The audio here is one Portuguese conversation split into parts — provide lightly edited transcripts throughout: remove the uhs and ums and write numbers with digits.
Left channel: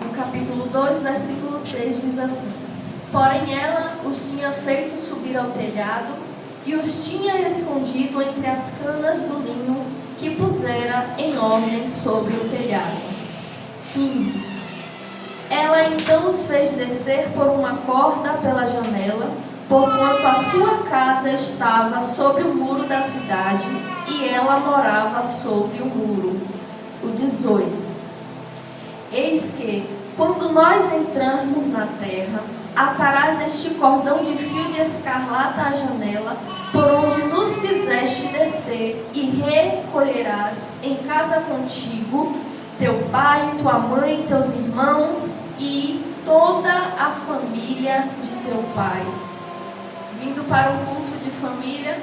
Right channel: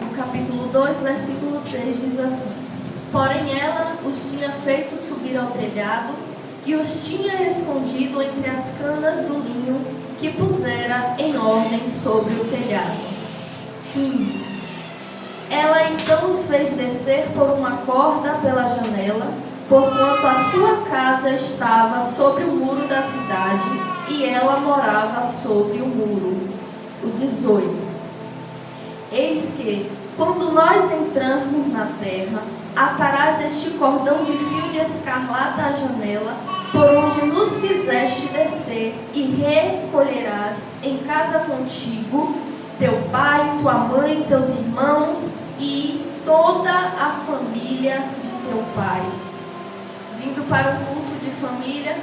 no capítulo 2, versículo 6, diz assim: Porém ela os tinha feito subir ao telhado e os tinha escondido entre as canas do linho que pusera em ordem sobre o telhado. 15. Ela então os fez descer por uma corda pela janela, porquanto a sua casa estava sobre o muro da cidade e ela morava sobre o muro. O 18. Eis que, quando nós entrarmos na terra, atarás este cordão de fio de escarlata à janela, por onde nos fizeste descer, e recolherás em casa contigo teu pai, tua mãe, teus irmãos e toda a família de teu pai. Vindo para um culto de família,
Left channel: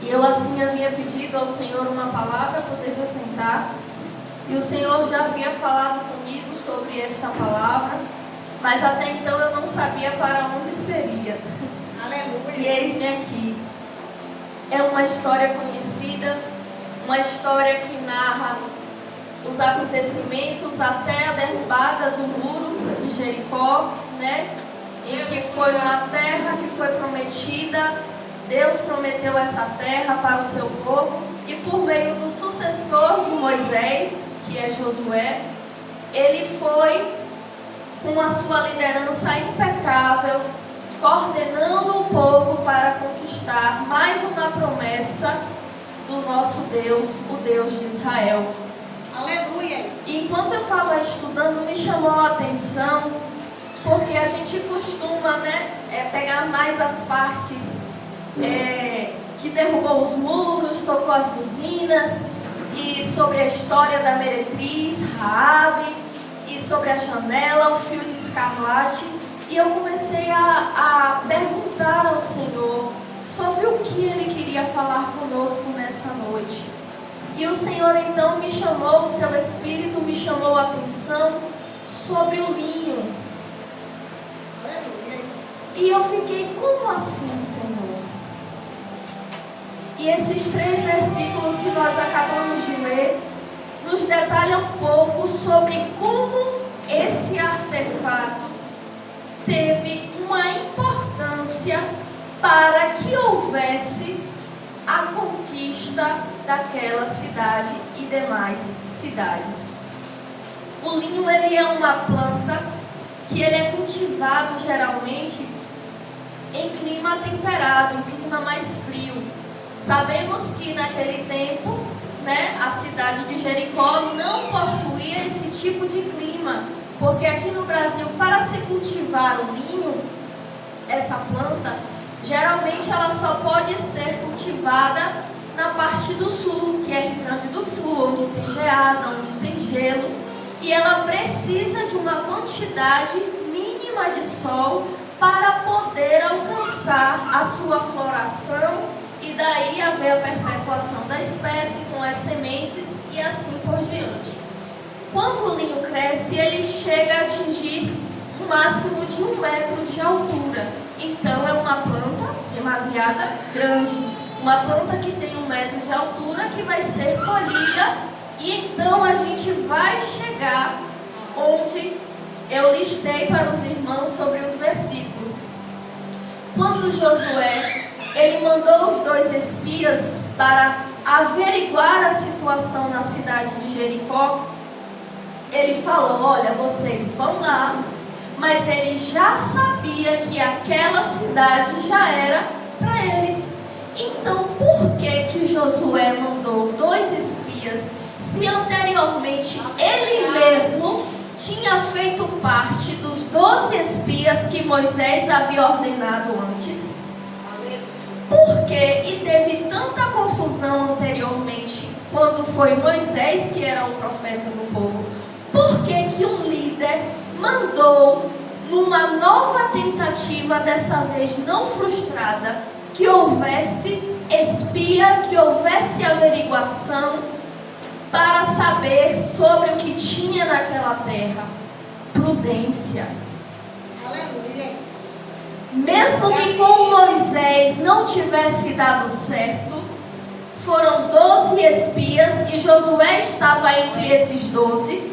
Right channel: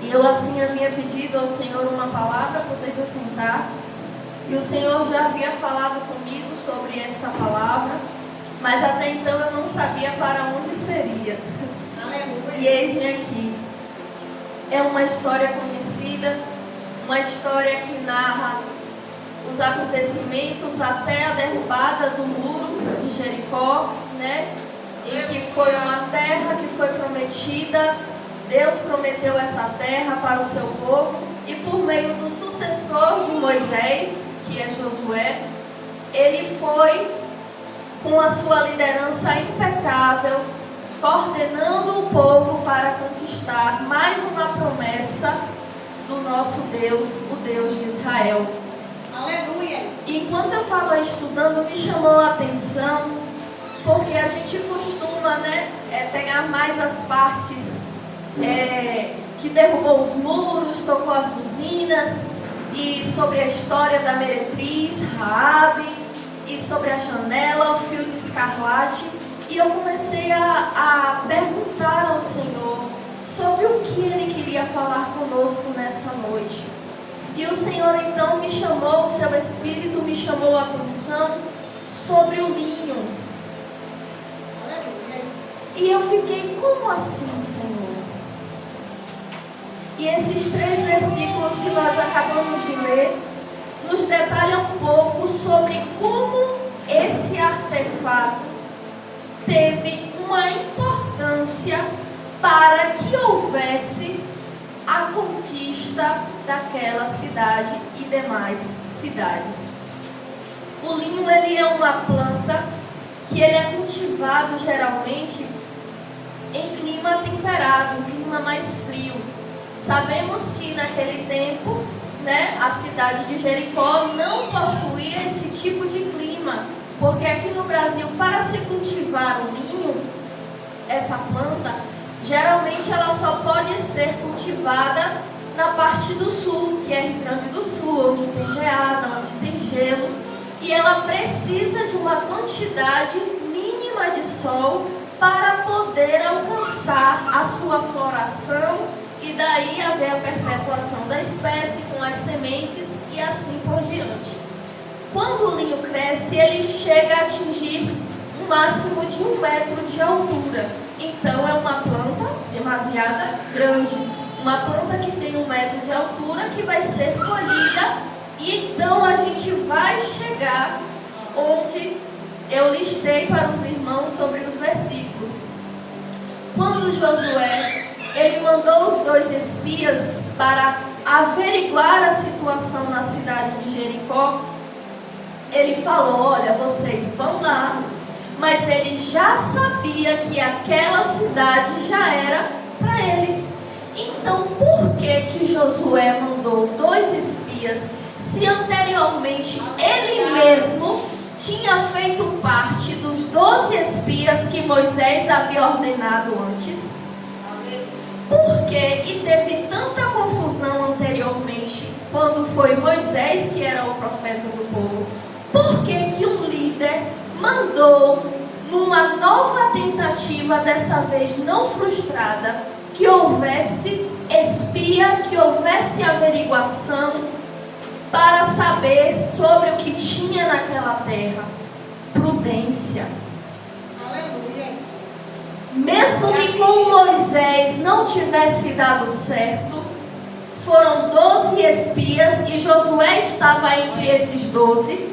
e eu assim havia pedido ao Senhor uma palavra, poder assentar, e o Senhor já havia falado comigo sobre esta palavra, mas até então eu não sabia para onde seria. Aleluia. E eis-me aqui. É uma história conhecida, uma história que narra os acontecimentos até a derrubada do muro de Jericó, né? Em que foi uma terra que foi prometida. Deus prometeu essa terra para o seu povo, e por meio do sucessor de Moisés, que é Josué, ele foi com a sua liderança impecável, coordenando o povo para conquistar mais uma promessa do nosso Deus, o Deus de Israel. Aleluia! Enquanto eu estava estudando, me chamou a atenção, porque a gente costuma, pegar mais as partes que derrubou os muros, tocou as buzinas, e sobre a história da meretriz, Raabe, e sobre a janela, o fio de escarlate. E eu comecei a perguntar ao Senhor sobre o que Ele queria falar conosco nessa noite. E o Senhor então me chamou, o seu Espírito me chamou a atenção sobre o linho. E eu fiquei, como assim, Senhor? E esses 3 versículos que nós acabamos de ler nos detalham um pouco sobre como esse artefato teve uma importância para que houvesse a conquista daquela cidade e demais cidades. O linho, ele é uma planta que ele é cultivado geralmente em clima temperado, em clima mais frio. Sabemos que naquele tempo, a cidade de Jericó não possuía esse tipo de clima, porque aqui no Brasil, para se cultivar o linho, essa planta, geralmente ela só pode ser cultivada na parte do sul, que é Rio Grande do Sul, onde tem geada, onde tem gelo, e ela precisa de uma quantidade mínima de sol para poder alcançar a sua floração e daí haver a perpetuação da espécie com as sementes e assim por diante. Quando o linho cresce, ele chega a atingir um máximo de 1 metro de altura. Então é uma planta demasiado grande, uma planta que tem 1 metro de altura, que vai ser colhida, e então a gente vai chegar onde eu listei para os irmãos sobre os versículos. Quando Josué ele mandou os 2 espias para averiguar a situação na cidade de Jericó, ele falou: olha, vocês vão lá, mas ele já sabia que aquela cidade já era para eles. Então, por que Josué mandou 2 espias, se anteriormente ele mesmo tinha feito parte dos 12 espias que Moisés havia ordenado antes? Por que e teve tanta confusão anteriormente, quando foi Moisés que era o profeta do povo? Por que um líder mandou, numa nova tentativa, dessa vez não frustrada, que houvesse espia, que houvesse averiguação para saber sobre o que tinha naquela terra? Prudência. Mesmo que com Moisés não tivesse dado certo, foram 12 espias e Josué estava entre esses 12.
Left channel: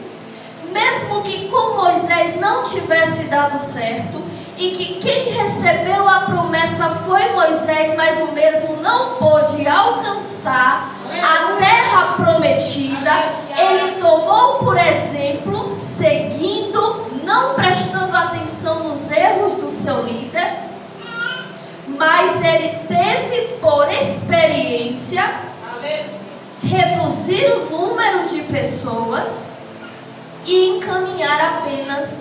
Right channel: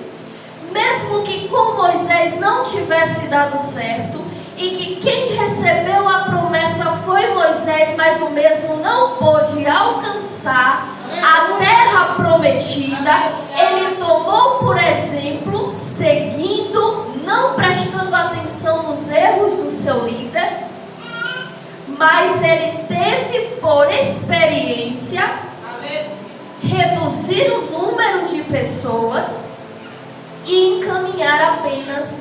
mesmo que com Moisés não tivesse dado certo, e que quem recebeu a promessa foi Moisés, mas o mesmo não pôde alcançar a terra prometida, ele tomou por exemplo, seguindo, não prestando atenção nos erros do seu líder, mas ele teve por experiência reduzir o número de pessoas e encaminhar apenas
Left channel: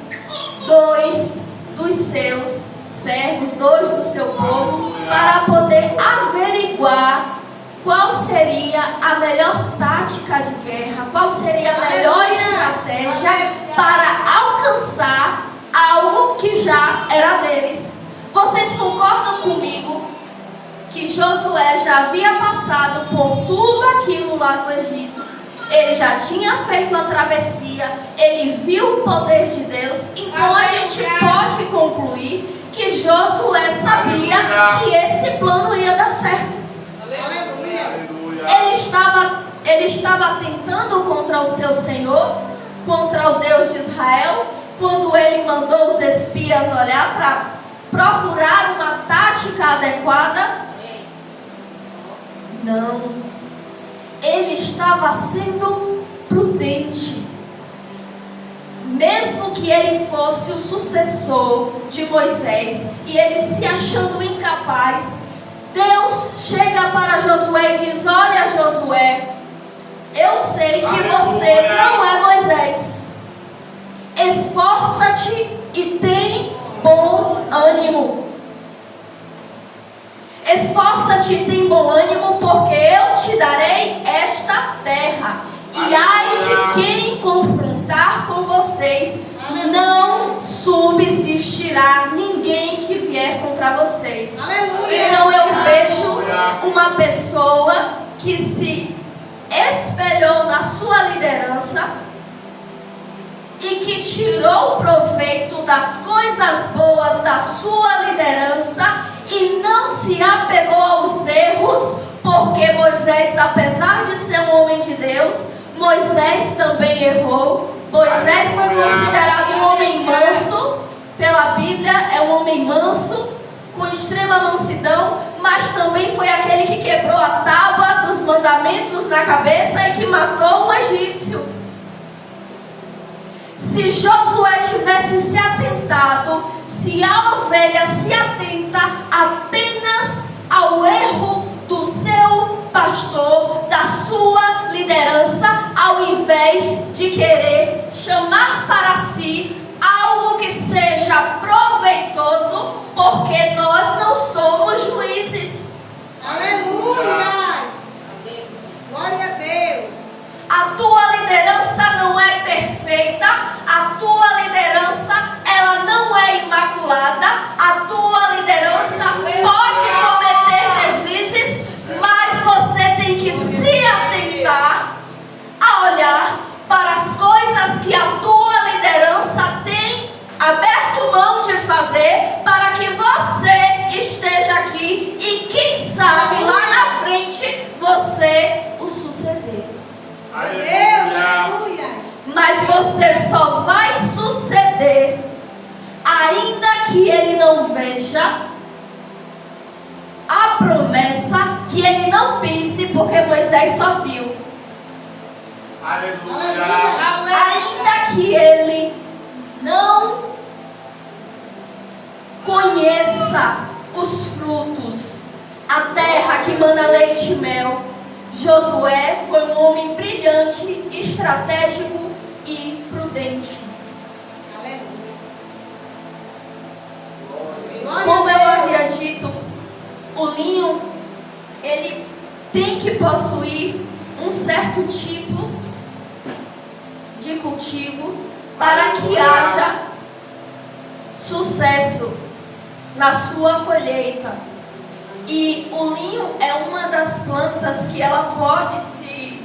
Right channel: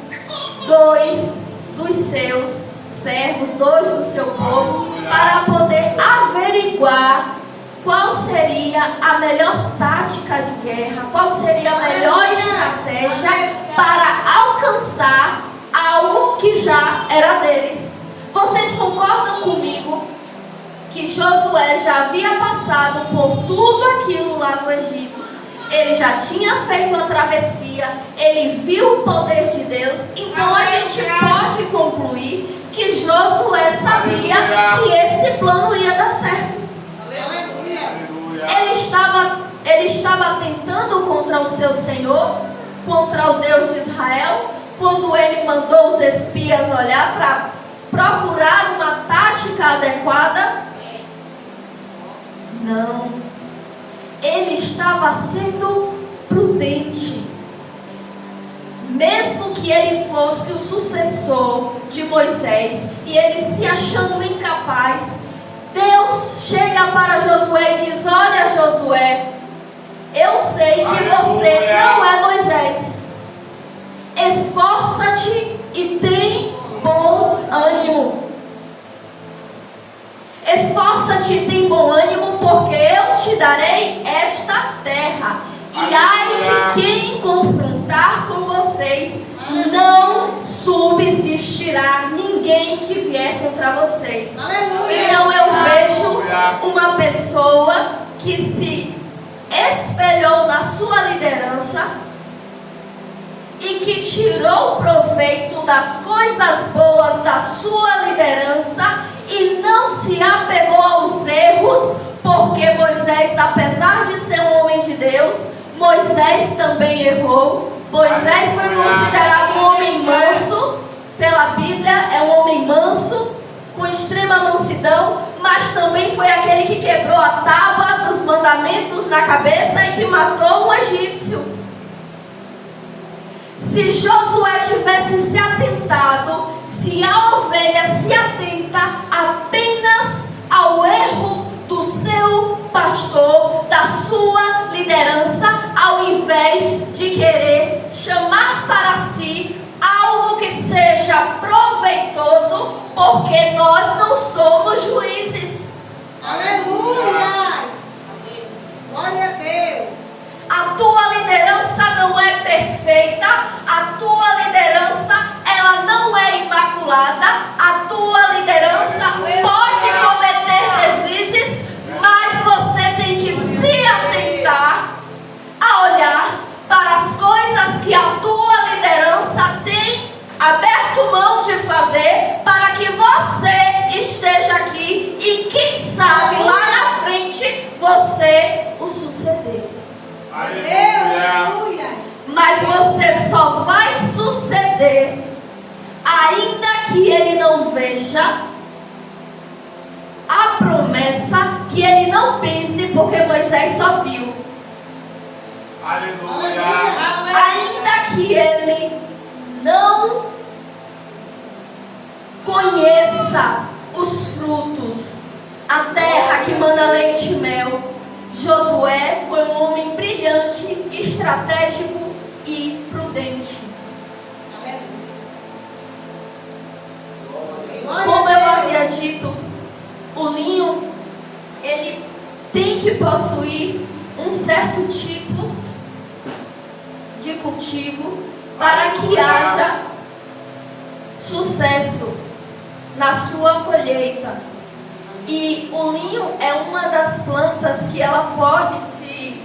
2 dos seus servos, 2 do seu povo, para poder averiguar qual seria a melhor tática de guerra, qual seria a melhor estratégia para alcançar algo que já era deles. Vocês concordam comigo que Josué já havia passado por tudo aquilo lá no Egito? Ele já tinha feito a travessia, ele viu o poder de Deus. Então a gente pode concluir que Josué sabia que esse plano ia dar certo. Ele estava tentando contra o seu Senhor, contra o Deus de Israel, quando ele mandou os espias olhar para procurar uma tática adequada. Não. Ele estava sendo prudente. Mesmo que ele fosse o sucessor de Moisés e ele se achando incapaz, Deus chega para Josué e diz: olha, Josué, eu sei que você não é Moisés. Esforça-te e tem bom ânimo. Esforça-te e tem bom ânimo, porque eu te darei esta terra. E ai de quem confrontar com vocês, não subsistirá ninguém que vier contra vocês. Então eu vejo uma pessoa que se espelhou na sua liderança e que tirou proveito das coisas boas da sua liderança e não se apegou aos erros, porque Moisés, apesar de ser um homem de Deus, Moisés também errou. Moisés foi considerado um homem manso, pela Bíblia é um homem manso, com extrema mansidão, mas também foi aquele que quebrou a tábua dos mandamentos na cabeça e que matou um egípcio. Se Josué tivesse se atentado, se a ovelha se atenta apenas ao erro do seu pastor, da sua liderança, ao invés de querer chamar para si algo que seja proveitoso, porque nós não somos juízes. Aleluia! Glória a Deus! A tua liderança não é perfeita, a tua liderança ela não é imaculada, a tua liderança pode cometer deslizes, mas você tem que se atentar a olhar para as coisas que a tua liderança tem aberto mão de fazer para que você esteja aqui e quem sabe lá na frente você o suceder. Aleluia! Mas você só vai suceder ainda que ele não veja a promessa, que ele não pise, porque Moisés só viu. Aleluia! Ainda que ele não conheça os frutos, a terra que manda leite e mel, Josué foi um homem brilhante, estratégico e prudente. Como eu havia dito, o linho, ele tem que possuir um certo tipo de cultivo para que haja sucesso na sua colheita. E o linho é uma das plantas que ela pode se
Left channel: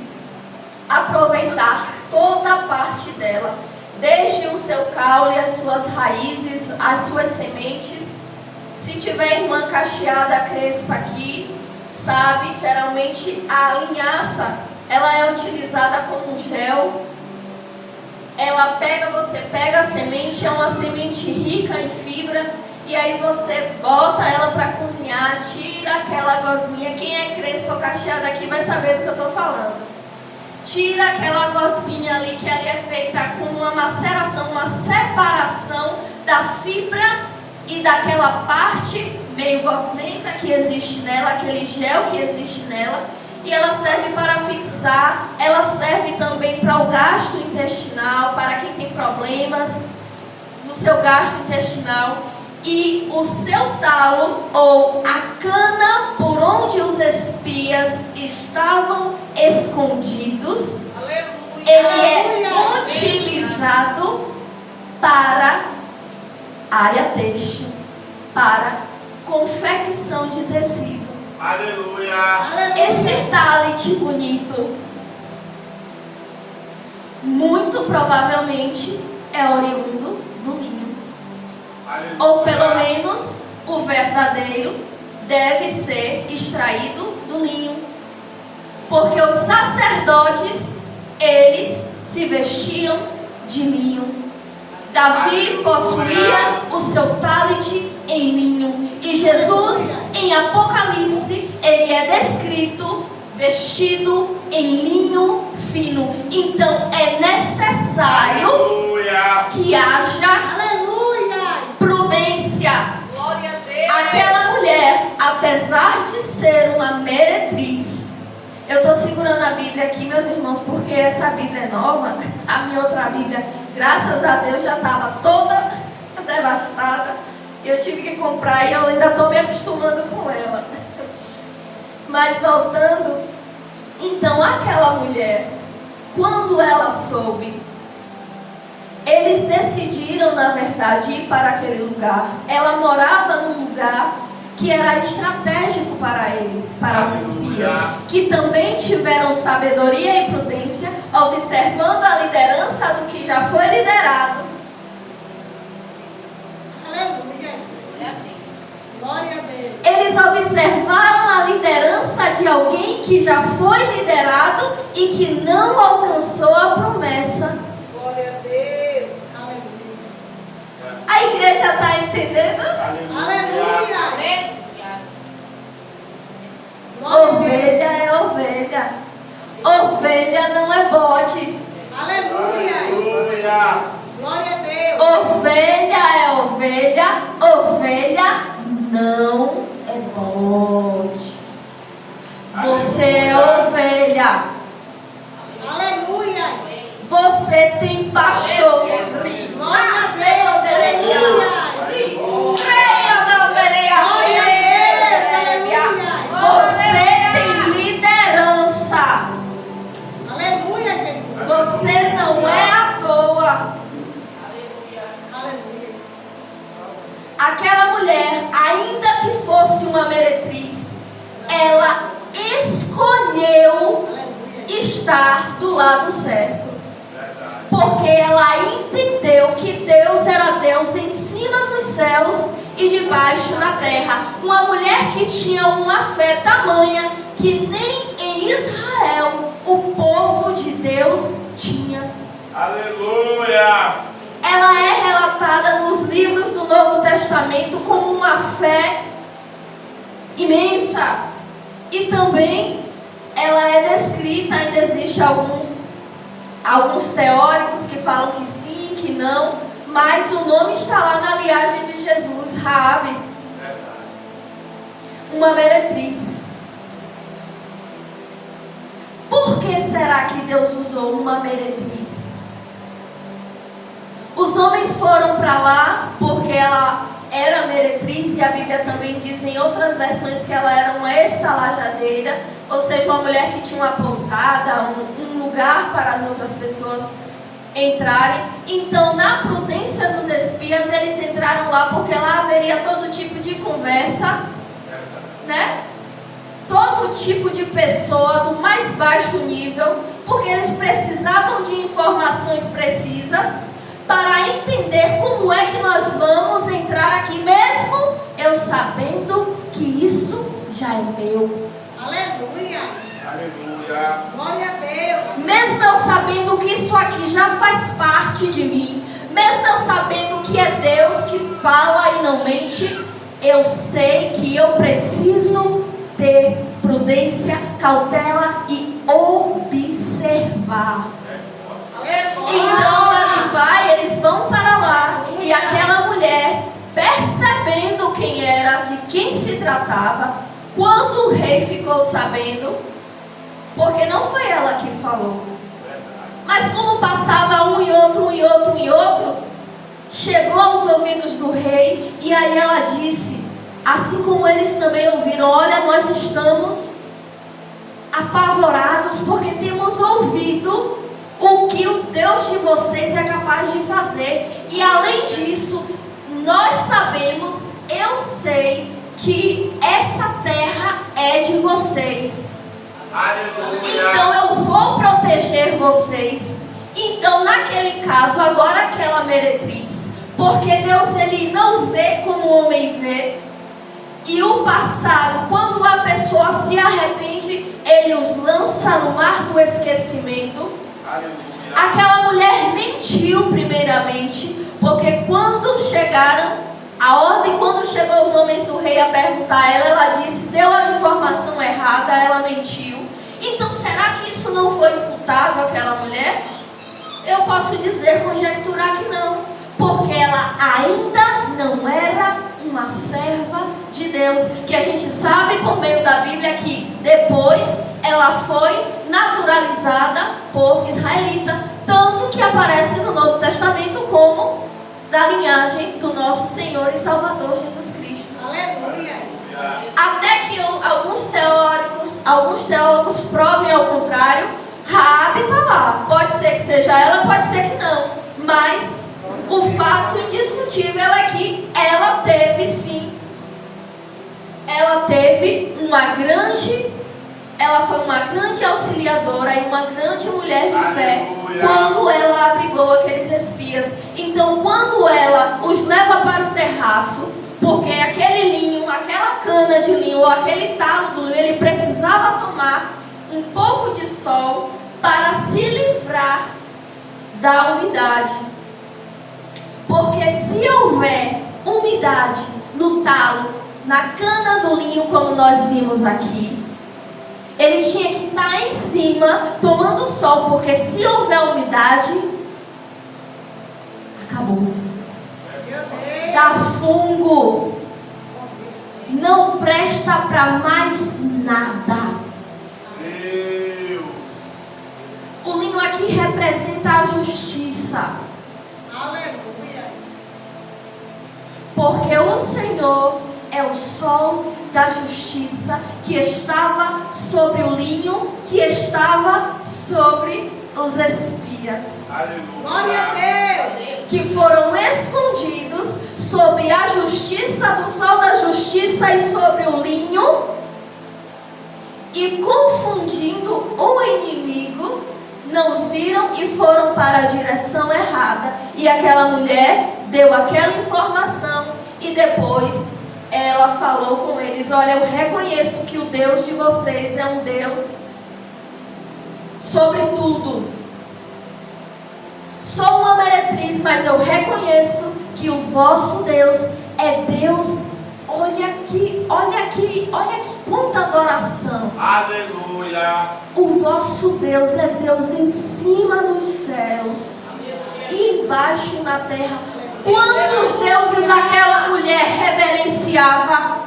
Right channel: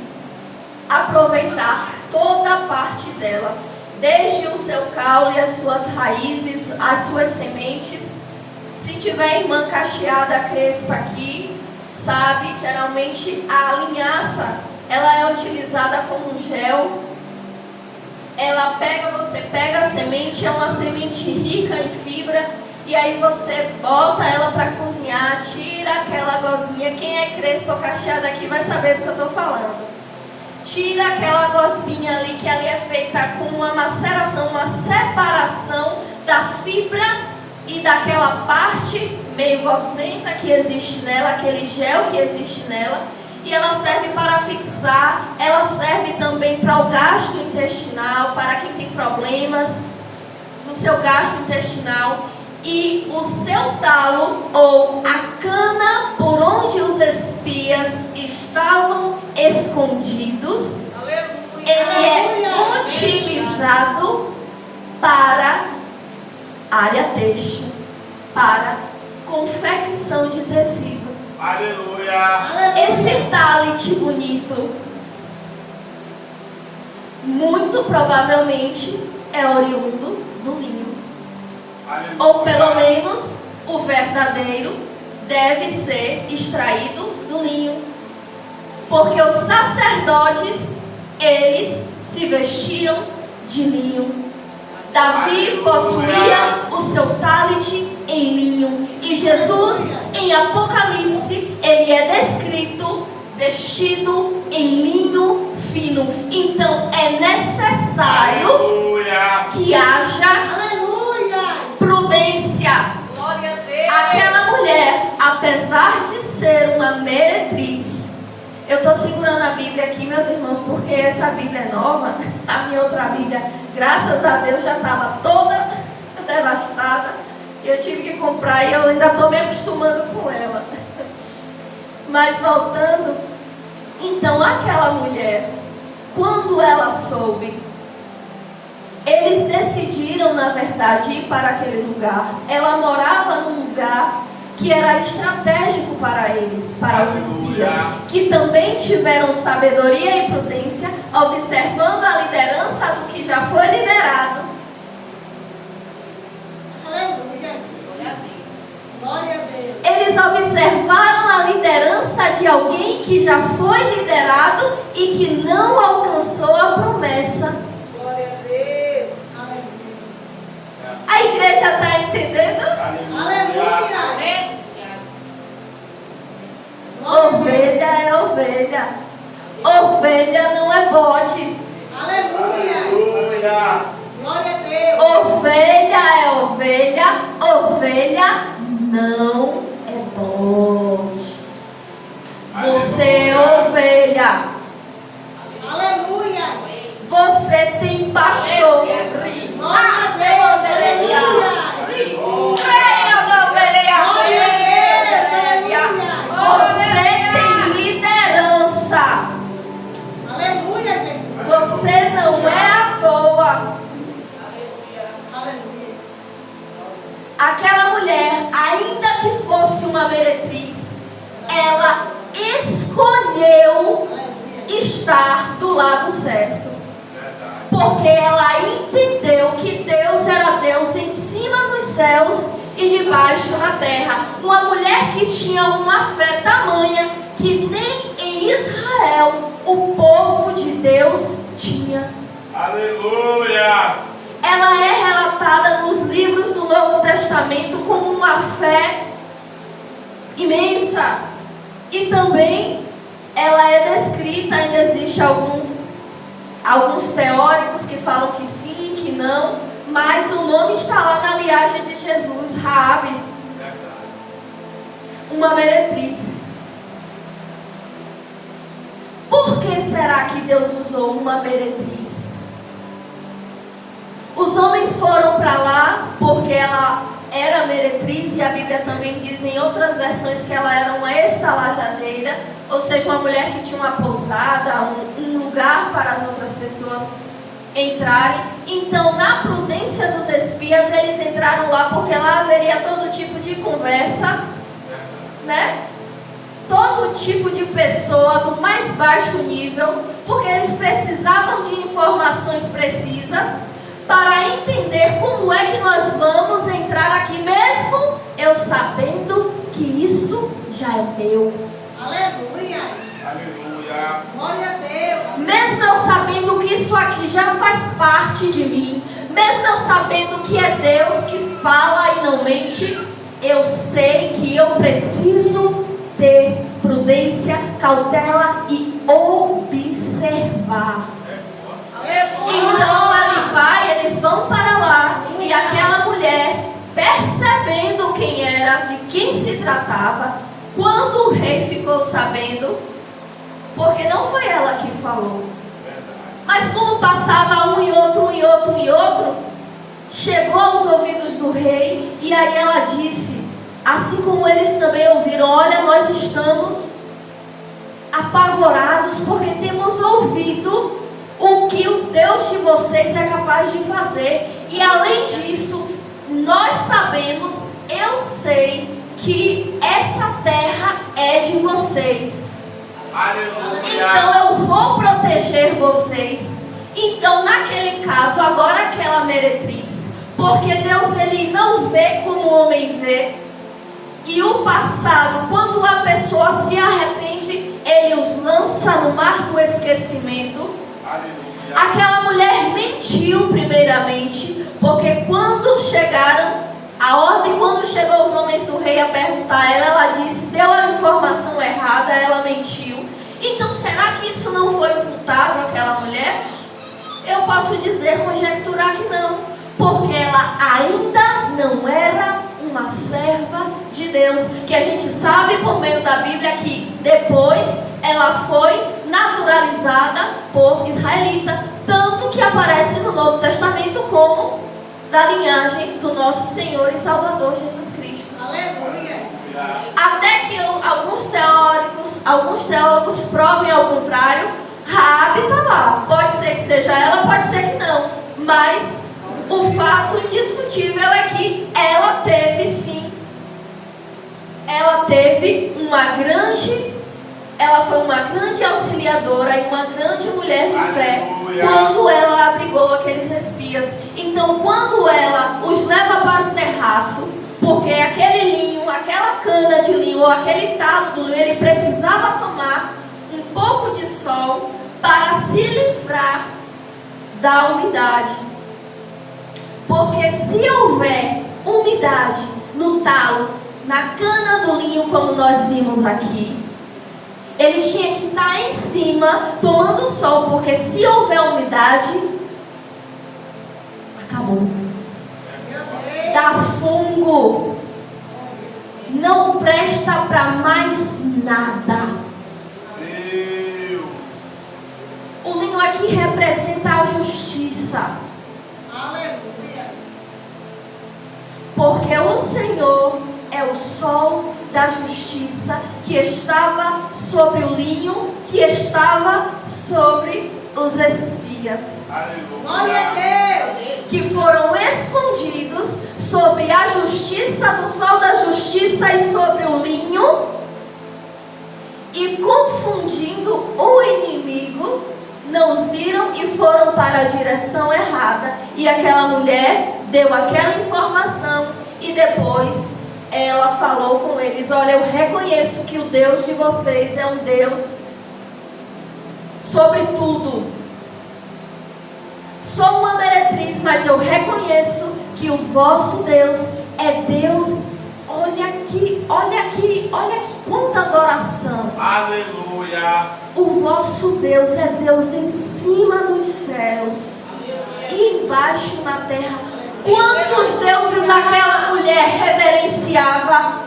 aproveitar toda a parte dela, desde o seu caule, as suas raízes, as suas sementes. Se tiver irmã cacheada crespa aqui, sabe, geralmente a linhaça, ela é utilizada como gel. você pega a semente, é uma semente rica em fibra, e aí você bota ela para cozinhar, tira aquela gosminha. Quem é crespo ou cacheado aqui vai saber do que eu estou falando. Tira aquela gosminha ali, que ali é feita com uma maceração, uma separação da fibra e daquela parte meio gosmenta que existe nela, aquele gel que existe nela. E ela serve para fixar, ela serve também para o gasto intestinal, para quem tem problemas no seu gasto intestinal. E o seu talo, ou a cana por onde os espias estavam escondidos, ele é utilizado para área têxtil, para confecção de tecido. Aleluia. Esse talit bonito, muito provavelmente é oriundo do linho. Aleluia. Ou pelo menos o verdadeiro deve ser extraído do linho. Porque os sacerdotes, eles se vestiam de linho. Davi possuía o seu talit em linho. E Jesus, em Apocalipse, ele é descrito vestido em linho fino. Então é necessário que haja prudência. Glória a Deus. Aquela mulher, apesar de ser uma meretriz, eu estou segurando a Bíblia aqui, meus irmãos, porque essa Bíblia é nova. A minha outra Bíblia, graças a Deus, já estava toda devastada. Eu tive que comprar e eu ainda estou me acostumando com ela. Mas voltando, então aquela mulher, quando ela soube, eles decidiram, na verdade, ir para aquele lugar. Ela morava num lugar que era estratégico para eles, para os espias, que também tiveram sabedoria e prudência, observando a liderança do que já foi liderado. Aleluia. Glória a Deus. Eles observaram a liderança de alguém que já foi liderado e que não alcançou a promessa. Glória a Deus. Aleluia. A igreja está entendendo? Aleluia. Ovelha é ovelha. Ovelha não é bode. Aleluia. Glória a Deus. Ovelha é ovelha. Ovelha não é bode. Você é ovelha. Aleluia. Você tem pastor. Você tem liderança. Aleluia, Jesus. Você não é à toa. Aleluia. Aquela mulher, ainda que fosse uma meretriz, ela escolheu Aleluia. estar do lado certo. Porque ela entendeu que Deus era Deus em cima dos céus e debaixo da terra. Uma mulher que tinha uma fé tamanha que nem em Israel o povo de Deus tinha. Aleluia. Ela é relatada nos livros do Novo Testamento como uma fé imensa. E também ela é descrita, ainda existe alguns teóricos que falam que sim, que não, mas o nome está lá na linhagem de Jesus, Raabe, uma meretriz. Por que será que Deus usou uma meretriz? Os homens foram para lá porque ela era meretriz, e a Bíblia também diz em outras versões que ela era uma estalajadeira, ou seja, uma mulher que tinha uma pousada, um lugar para as outras pessoas entrarem. Então, na prudência dos espias, eles entraram lá porque lá haveria todo tipo de conversa, né? Todo tipo de pessoa do mais baixo nível, porque eles precisavam de informações precisas para entender como é que nós vamos entrar aqui, mesmo eu sabendo que isso já é meu. Aleluia. Aleluia. Glória a Deus. Mesmo eu sabendo que isso aqui já faz parte de mim, mesmo eu sabendo que é Deus que fala e não mente, eu sei que eu preciso ter prudência, cautela e observar. Então eles vão para lá, e aquela mulher, percebendo quem era, de quem se tratava, quando o rei ficou sabendo, porque não foi ela que falou, mas como passava um e outro, chegou aos ouvidos do rei, e aí ela disse, assim como eles também ouviram: olha, nós estamos apavorados porque temos ouvido o que o Deus de vocês é capaz de fazer, e além disso, nós sabemos, eu sei que essa terra é de vocês. Então eu vou proteger vocês. Então naquele caso, agora aquela meretriz, porque Deus ele não vê como o homem vê, e o passado, quando a pessoa se arrepende, ele os lança no mar do esquecimento. Aquela mulher mentiu primeiramente, porque quando chegaram a ordem, quando chegou os homens do rei a perguntar a ela, ela disse, deu a informação errada, ela mentiu. Então será que isso não foi imputado àquela mulher? Eu posso dizer, conjecturar que não, porque ela ainda não era uma serva de Deus, que a gente sabe por meio da Bíblia que depois ela foi naturalizada por israelita, tanto que aparece no Novo Testamento como da linhagem do nosso Senhor e Salvador Jesus Cristo. Aleluia. Até que alguns teólogos provem ao contrário. Raabe está lá, pode ser que seja ela, pode ser que não, mas o fato indiscutível é que ela teve sim, ela foi uma grande auxiliadora e uma grande mulher de fé. Quando ela abrigou aqueles espias. Então quando ela os leva para o terraço, porque aquele linho, aquela cana de linho ou aquele talo do linho, ele precisava tomar um pouco de sol para se livrar da umidade. Porque se houver umidade no talo, na cana do linho, como nós vimos aqui, ele tinha que estar em cima tomando sol, porque se houver umidade, acabou. Dá fungo, não presta para mais nada. O linho aqui representa a justiça. Aleluia. Porque o Senhor é o sol da justiça que estava sobre o linho, que estava sobre os espias. Glória a Deus. Que foram escondidos sob a justiça do sol da justiça e sobre o linho, e confundindo o inimigo, não os viram e foram para a direção errada. E aquela mulher deu aquela informação e depois ela falou com eles: olha, eu reconheço que o Deus de vocês é um Deus sobre tudo. Sou uma meretriz, mas eu reconheço que o vosso Deus é Deus. Olha aqui, quanta adoração. Aleluia. O vosso Deus é Deus em cima dos céus e embaixo na terra. Quantos deuses aquela mulher reverenciava?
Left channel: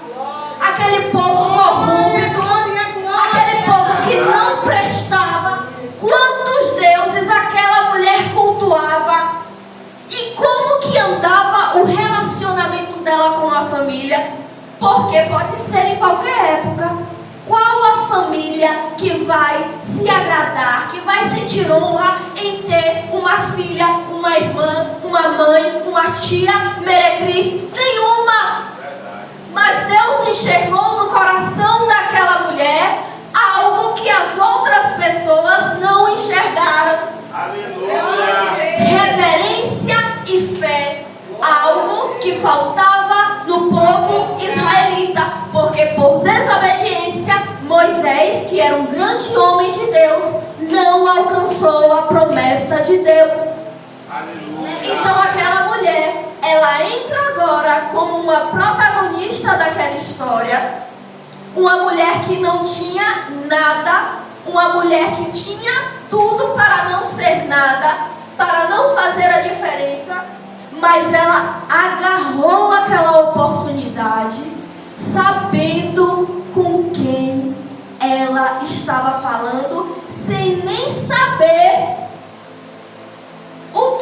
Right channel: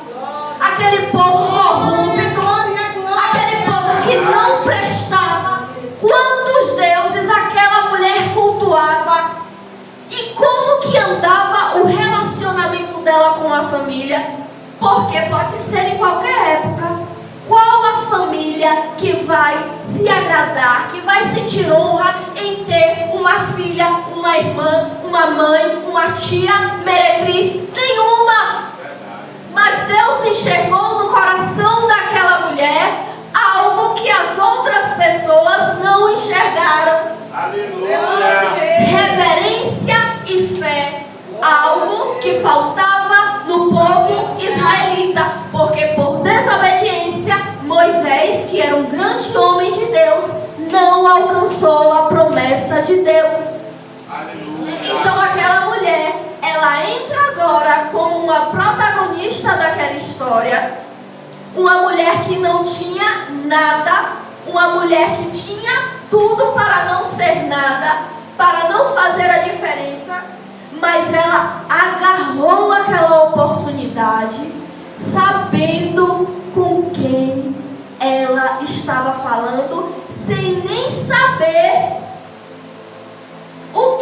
Aquele povo corrupto, aquele povo que não prestava. Quantos deuses aquela mulher cultuava? E como que andava o relacionamento dela com a família? Porque pode ser em qualquer época. Qual a família que vai se agradar, que vai sentir honra em ter uma filha, uma irmã, uma mãe, uma tia meretriz? Nenhuma. Mas Deus enxergou no coração daquela mulher algo que as outras pessoas não enxergaram. Aleluia. Reverência e fé. Algo que faltava no povo israelita. Porque por desobediência, Moisés, que era um grande homem de Deus, não alcançou a promessa de Deus. uma mulher que não tinha nada, uma mulher que tinha tudo para não ser nada, para não fazer a diferença, mas ela agarrou aquela oportunidade, sabendo com quem ela estava falando, sem nem saber o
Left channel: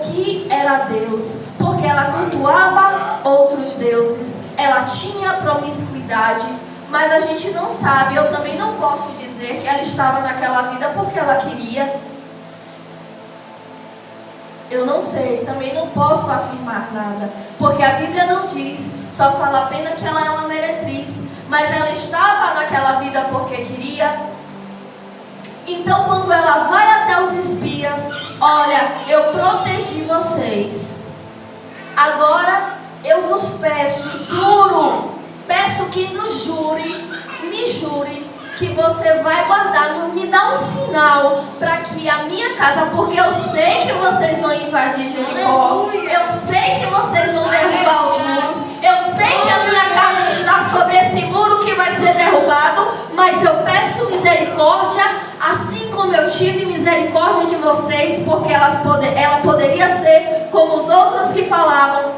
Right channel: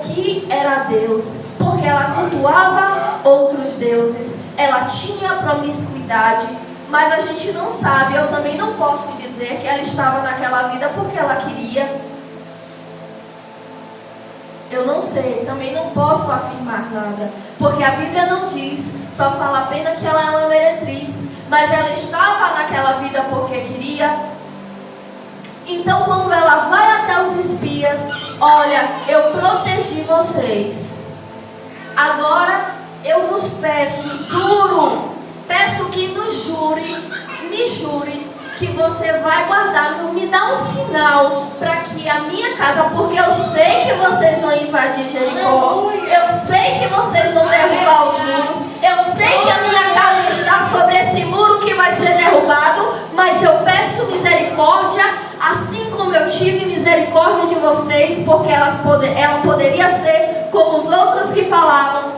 que era Deus, porque ela cultuava outros deuses, ela tinha promiscuidade, mas a gente não sabe. Eu também não posso dizer que ela estava naquela vida porque ela queria. Eu não sei, também não posso afirmar nada, porque a Bíblia não diz, só fala apenas que ela é uma meretriz, mas ela estava naquela vida porque queria. Então, quando ela vai até os espias, olha, eu protegi vocês, agora eu vos peço, juro, peço que me jure que você vai guardar, me dá um sinal para que a minha casa, porque eu sei que vocês vão invadir Jericó, eu sei que vocês vão derrubar os muros, eu sei que a minha casa está sobre esse muro que vai ser derrubado, mas eu peço misericórdia, assim como eu tive misericórdia de vocês, porque ela poderia ser como os outros que falavam,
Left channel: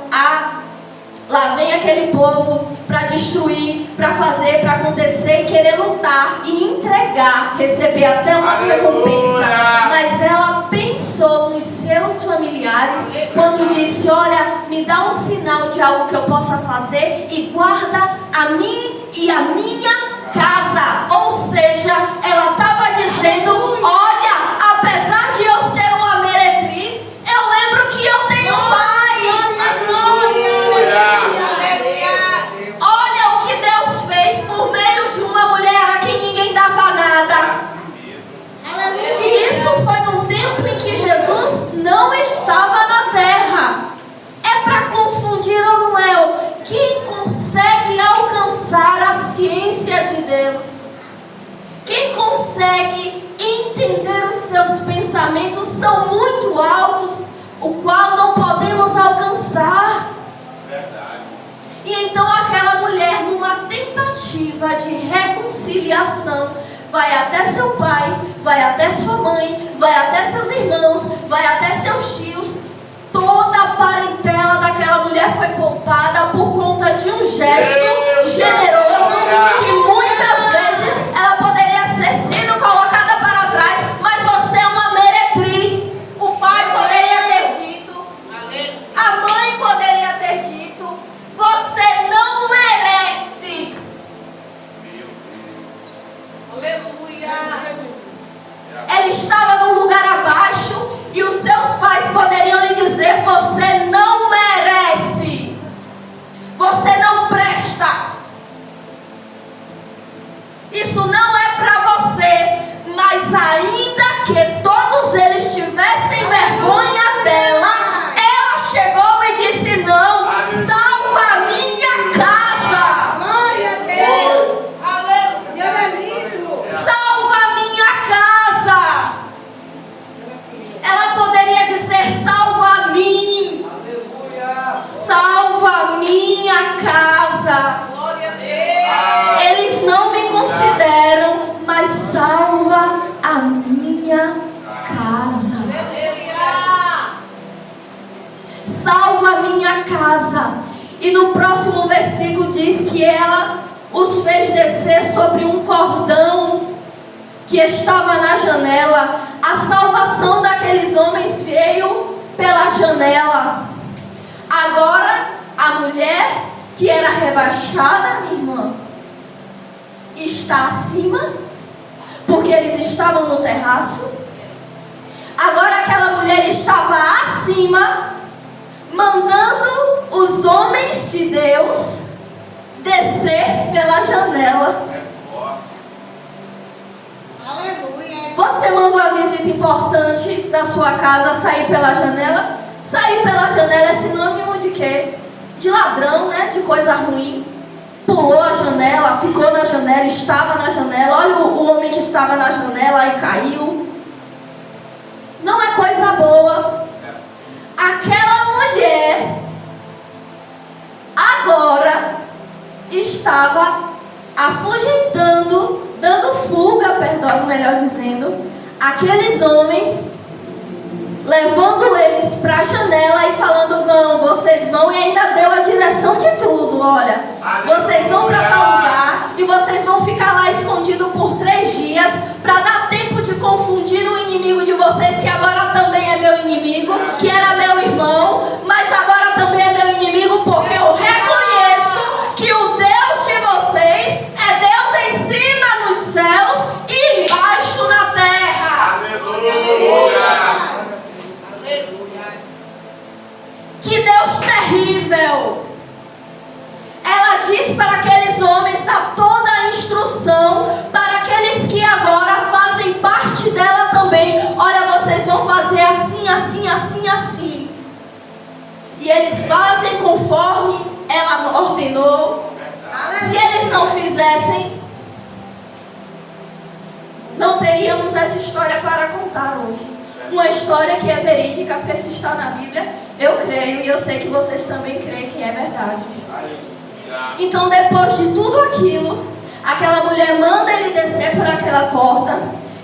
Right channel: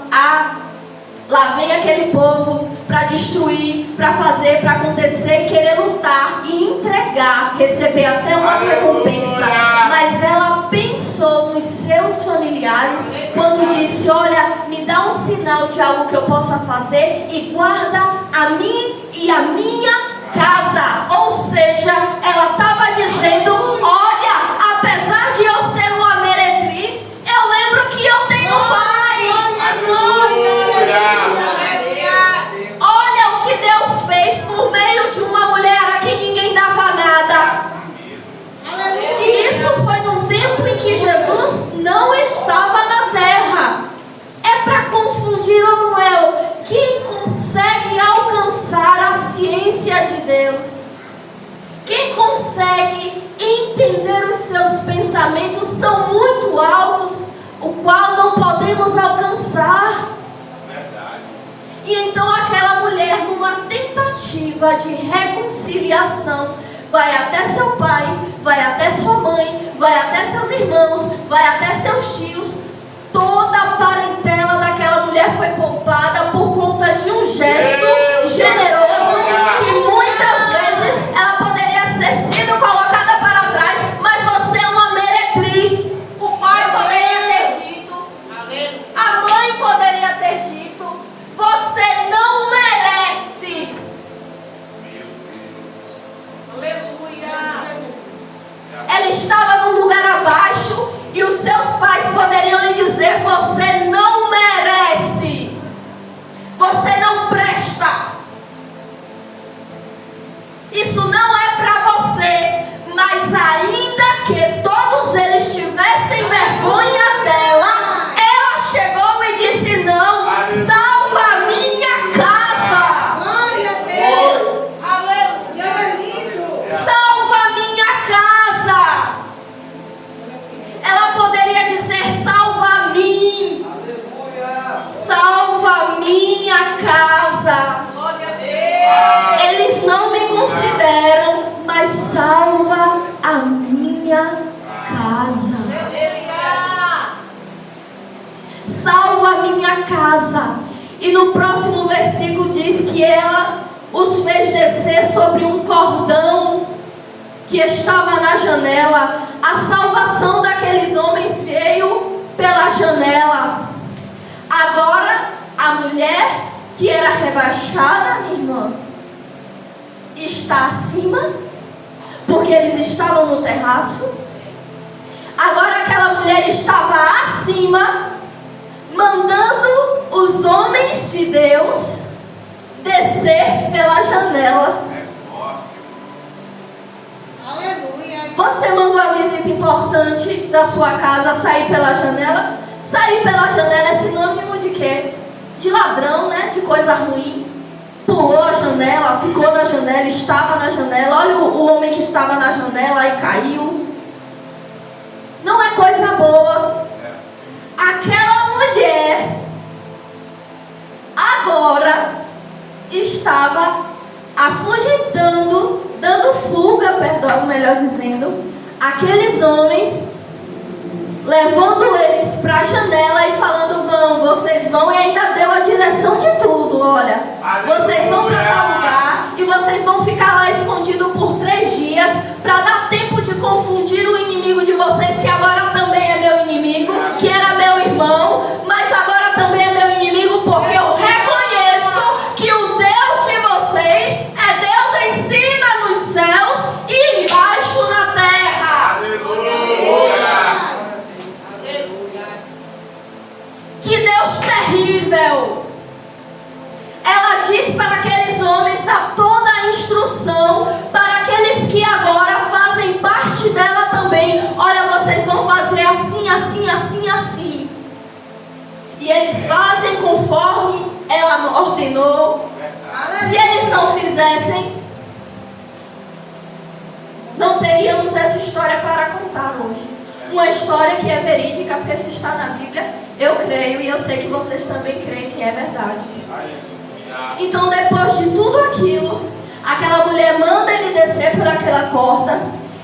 lá vem aquele povo para destruir, para fazer, para acontecer, e querer lutar e entregar, receber até uma recompensa. Mas ela pensou nos seus familiares quando disse, olha, me dá um sinal de algo que eu possa fazer e guarda a mim e a minha casa. Ou seja, ela estava dizendo, olha, apesar de eu ser uma meretriz, eu lembro que eu tenho um pai. Olha o que Deus fez por meio de uma mulher a quem ninguém dava nada. E isso foi num tempo em que Jesus não estava na terra. É para confundir ou não é? Quem consegue alcançar a ciência de Deus? Quem consegue entender os seus pensamentos são muito altos, o qual não podemos alcançar. E então aquela mulher, numa tentativa de reconciliação, vai até seu pai, vai até sua mãe, vai até seus irmãos, vai até seus tios. Toda a parentela daquela mulher foi poupada por conta de um gesto generoso que muitas vezes ela poderia ter sido colocada para trás, mas você é uma meretriz. O pai poderia ter dito, a mãe poderia ter dito, você não merece. Ela estava num lugar abaixo e os seus pais poderiam lhe dizer, você não merece, você não presta, isso não é para você. Mas ainda que todos eles tivessem vergonha dela, ela chegou e disse, não, salva a minha casa. Glória a Deus. Aleluia. É lindo. Salva a minha casa. Ela poderia dizer, salva a mim. Salva a minha casa. Eles não me consideram, mas salva a minha casa. Salva a minha casa. E no próximo versículo diz que ela os fez descer sobre um cordão que estava na janela. A salvação daqueles homens veio pela janela. Agora, a mulher que era rebaixada, minha irmã, está acima, porque eles estavam no terraço. Agora aquela mulher estava acima, mandando os homens de Deus descer pela janela. Aleluia. Você mandou a visita importante da sua casa sair pela janela? Sair pela janela é sinônimo de quê? De ladrão, né? De coisa ruim. Pulou a janela, ficou na janela, estava na janela. Olha o homem que estava na janela e caiu. Não é coisa boa. Aquela mulher agora estava afugentando, dando fuga, perdão, melhor dizendo, aqueles homens, levando eles para a janela e falando: vocês vão, e ainda deu a direção de tudo. Olha, vocês vão para tal lugar e vocês vão ficar lá escondidos por 3 dias, para dar tempo de confundir o inimigo de vocês, que agora também é meu inimigo, que era meu irmão, mas agora também é meu inimigo, porque eu reconheço que o Deus de vocês é Deus em cima nos céus e embaixo na terra. Que Deus terrível! Ela diz para aqueles homens, dá toda a instrução para aqueles que agora fazem parte dela também. Olha, vocês vão fazer assim, assim, assim, assim. E eles fazem conforme ela ordenou. Se eles não fizessem, não teríamos essa história para contar hoje. Uma história que é verídica, porque se está na Bíblia, eu creio e eu sei que vocês também creem que é verdade. Então, depois de tudo aquilo, aquela mulher manda ele descer por aquela corda.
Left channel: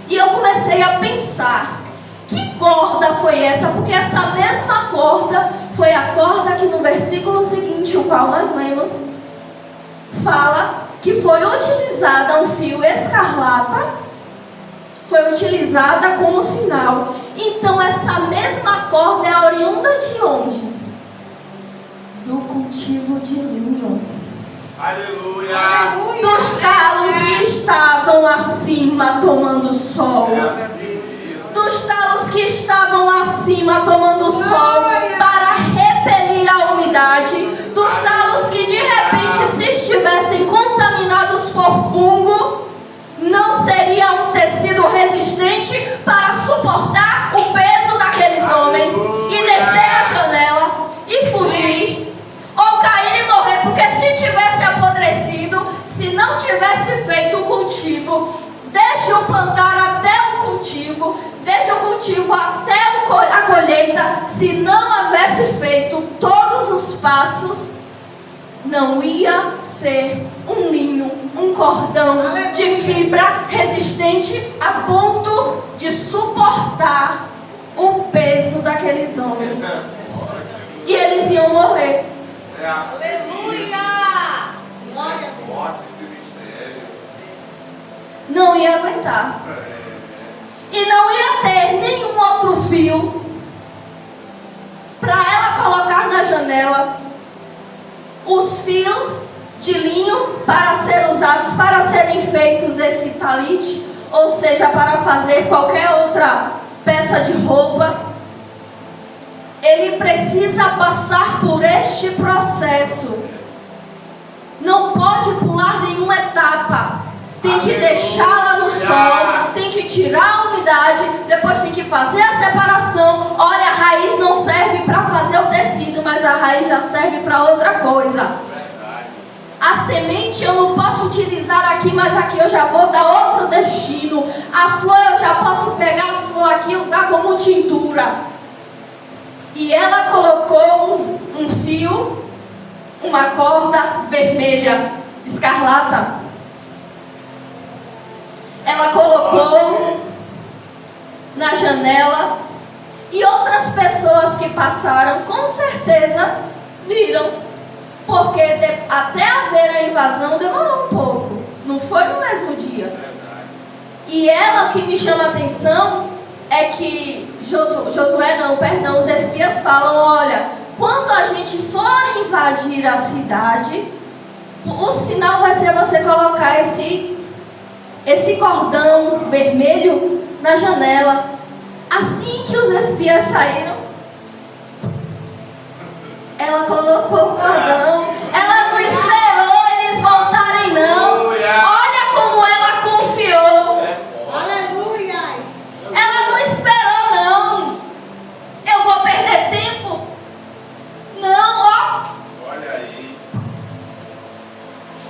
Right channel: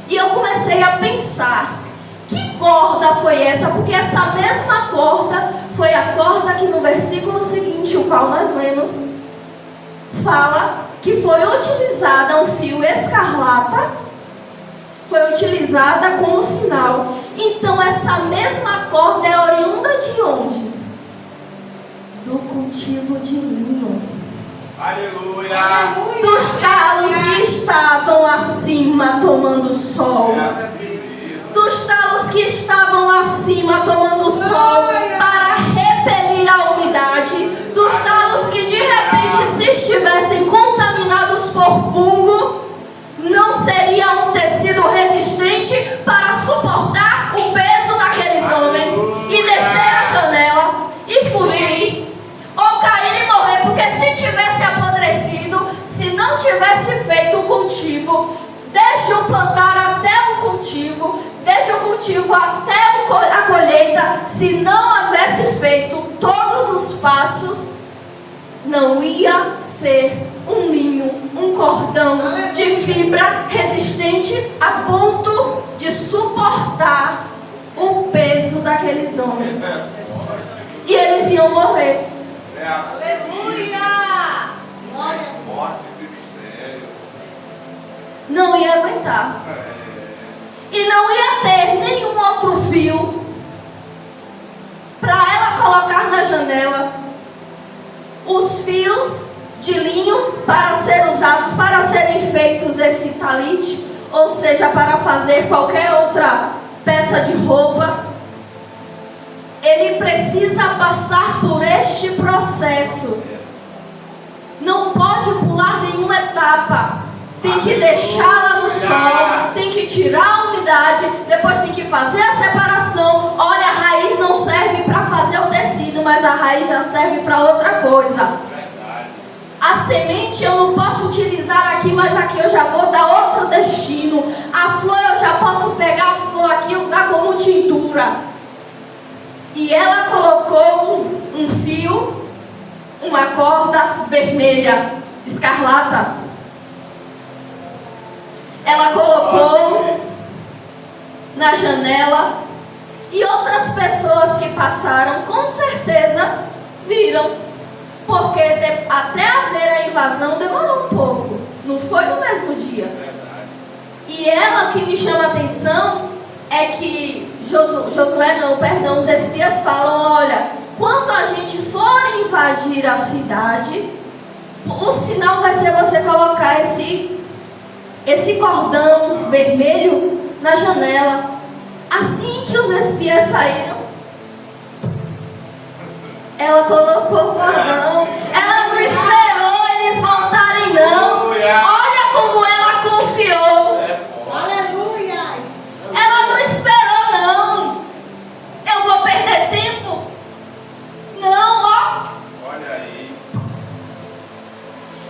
E eu comecei a pensar: que corda foi essa? Porque essa mesma corda foi a corda que no versículo seguinte, o qual nós lemos, fala que foi utilizada um fio escarlata, foi utilizada como sinal. Então essa mesma corda é oriunda de onde? Do cultivo de linho. Aleluia. Dos talos que estavam acima tomando sol. Dos talos que estavam acima tomando sol para repelir a umidade. Dos talos que de repente, se estivessem contaminados por fungo, não seria um tecido resistente para suportar o peso daqueles homens e descer a janela e fugir, ou cair e morrer, porque se tivesse apodrecido, se não tivesse feito o cultivo, desde o plantar até o cultivo, desde o cultivo até a colheita, se não houvesse feito todos os passos, não ia ser um linho, um cordão de fibra resistente a ponto de suportar o peso daqueles homens. E eles iam morrer. Aleluia! Não ia aguentar. E não ia ter nenhum outro fio para ela colocar na janela. Os fios de linho para ser usados, para serem feitos esse talite, ou seja, para fazer qualquer outra peça de roupa, ele precisa passar por este processo. Não pode pular nenhuma etapa. Tem que deixá-la no sol, tem que tirar a umidade, depois tem que fazer a separação. Olha, a raiz não serve para fazer o tecido, mas a raiz já serve para outra coisa. A semente eu não posso utilizar aqui, mas aqui eu já vou dar outro destino. A flor eu já posso pegar a flor aqui e usar como tintura. E ela colocou um fio, uma corda vermelha, escarlata. Ela colocou na janela e outras pessoas que passaram com certeza viram, porque até haver a invasão demorou um pouco, não foi no mesmo dia. E ela, o que me chama a atenção é que os espias falam: olha, quando a gente for invadir a cidade, o sinal vai ser você colocar esse cordão vermelho na janela. Assim que os espias saíram, ela colocou o cordão. Ela não esperou eles voltarem, não. Olha como ela confiou. Aleluia! Ela não esperou, não. Eu vou perder tempo? Não, ó. Olha aí.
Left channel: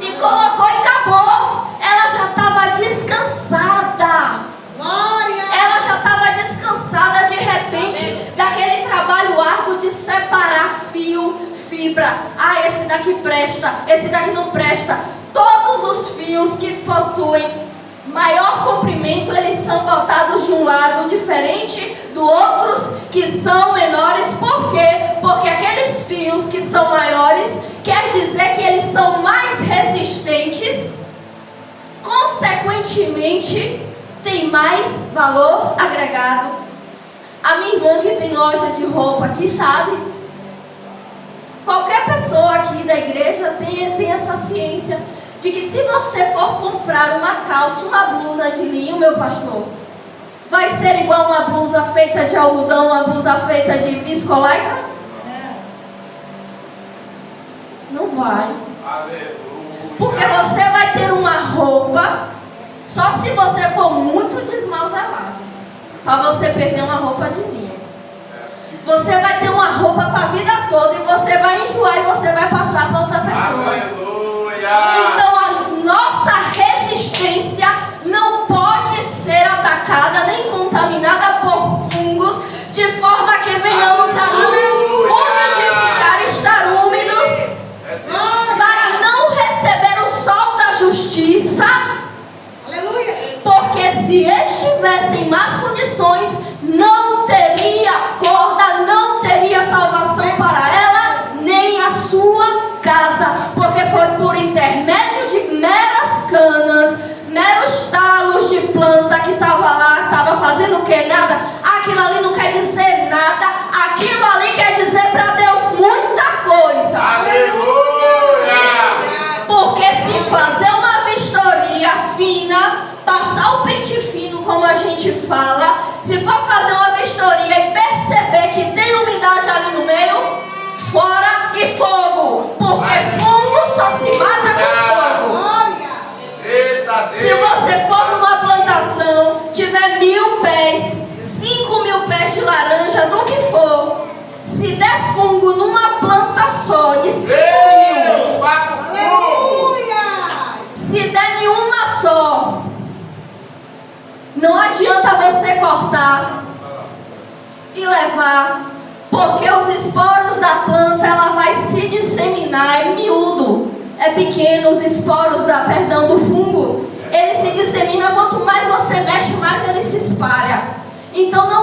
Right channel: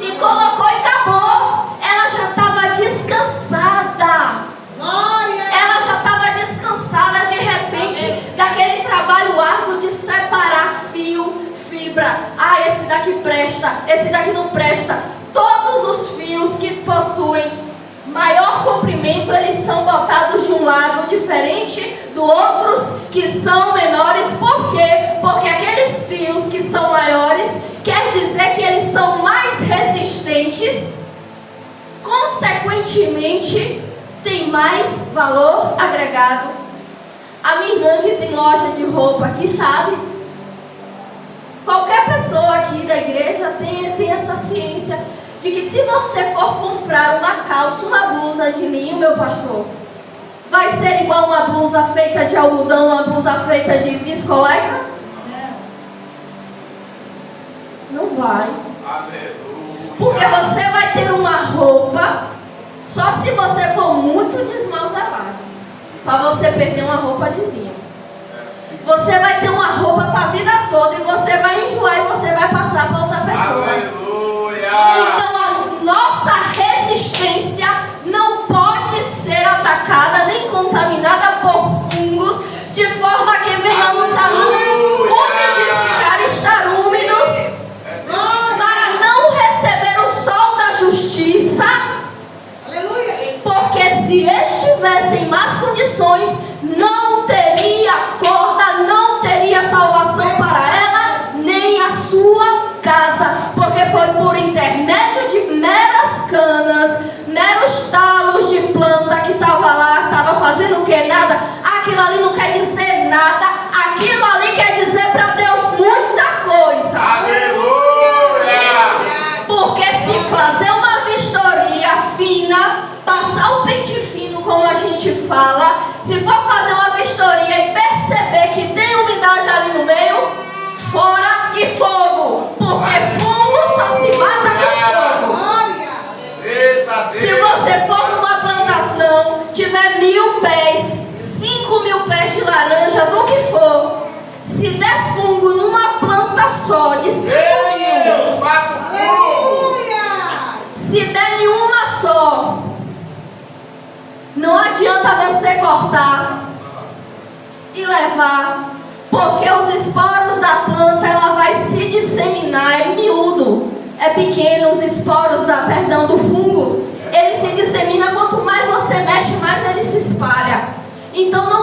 E colocou e acabou. Ela já estava descansada. Glória! Ela já estava descansada de repente daquele trabalho árduo de separar fio, fibra. Ah, esse daqui presta, esse daqui não presta. Todos os fios que possuem maior comprimento, eles são botados de um lado diferente do outros que são menores. Por quê? Porque aqueles fios que são maiores, quer dizer que eles são mais resistentes, consequentemente, tem mais valor agregado. A minha irmã que tem loja de roupa aqui sabe. Qualquer pessoa aqui da igreja tem essa ciência de que se você for comprar uma calça, uma blusa de linho, meu pastor, vai ser igual uma blusa feita de algodão, uma blusa feita de viscolaicra? Não vai. Porque você vai ter uma roupa, só se você for muito desmazalado, para você perder uma roupa de linho. Você vai ter uma roupa para a vida toda e você vai enjoar e você vai passar para outra pessoa. Então a nossa resistência não pode ser atacada nem contaminada por fungos, de forma que venhamos a nos umidificar, estar úmidos, para não receber o sol da justiça. Porque se estivesse em más condições, não teria corda, não teria salvação para ela, nem a sua casa. Porque foi por intermédio de meras canas, meros talos de planta que estava lá, estava fazendo o que? Nada. Aquilo ali não quer dizer nada. Aquilo ali quer dizer para Deus muita coisa. Aleluia! Porque se fazer uma vistoria fina, passar o pente fino, como a gente fala, se for fazer uma vistoria e perceber que tem umidade ali no meio, fora e fogo. Porque fungo só se mata com fogo. Se você for numa plantação, tiver 1000 pés, 5.000 pés de laranja, do que for, se der fungo numa planta só de 5.000, se der nenhuma só, não adianta você cortar e levar, porque os esporos da planta, ela vai se disseminar, é miúdo, é pequeno, os esporos do fungo, ele se dissemina, quanto mais você mexe, mais ele se espalha. Então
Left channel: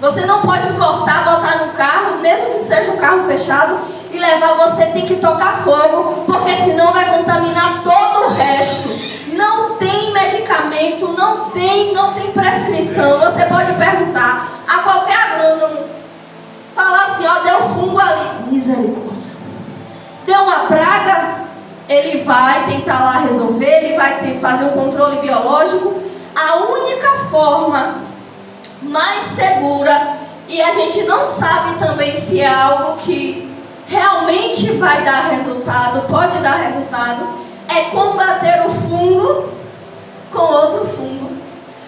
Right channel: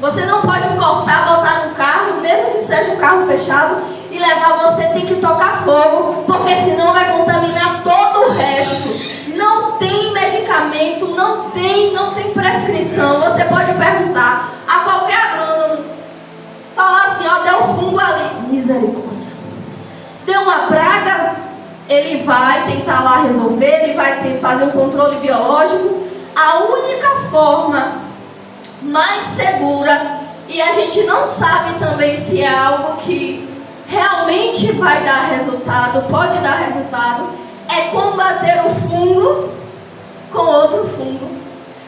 você não pode cortar, botar no carro, mesmo que seja um carro fechado, e levar, você tem que tocar fogo, porque senão vai contaminar todo o resto. Não tem medicamento, não tem prescrição. Você pode perguntar a qualquer agrônomo, falar assim, ó, deu fungo ali, misericórdia. Deu uma praga, ele vai tentar lá resolver, ele vai fazer um controle biológico. A única forma mais segura, e a gente não sabe também se é algo que realmente vai dar resultado, pode dar resultado, é combater o fungo com outro fungo.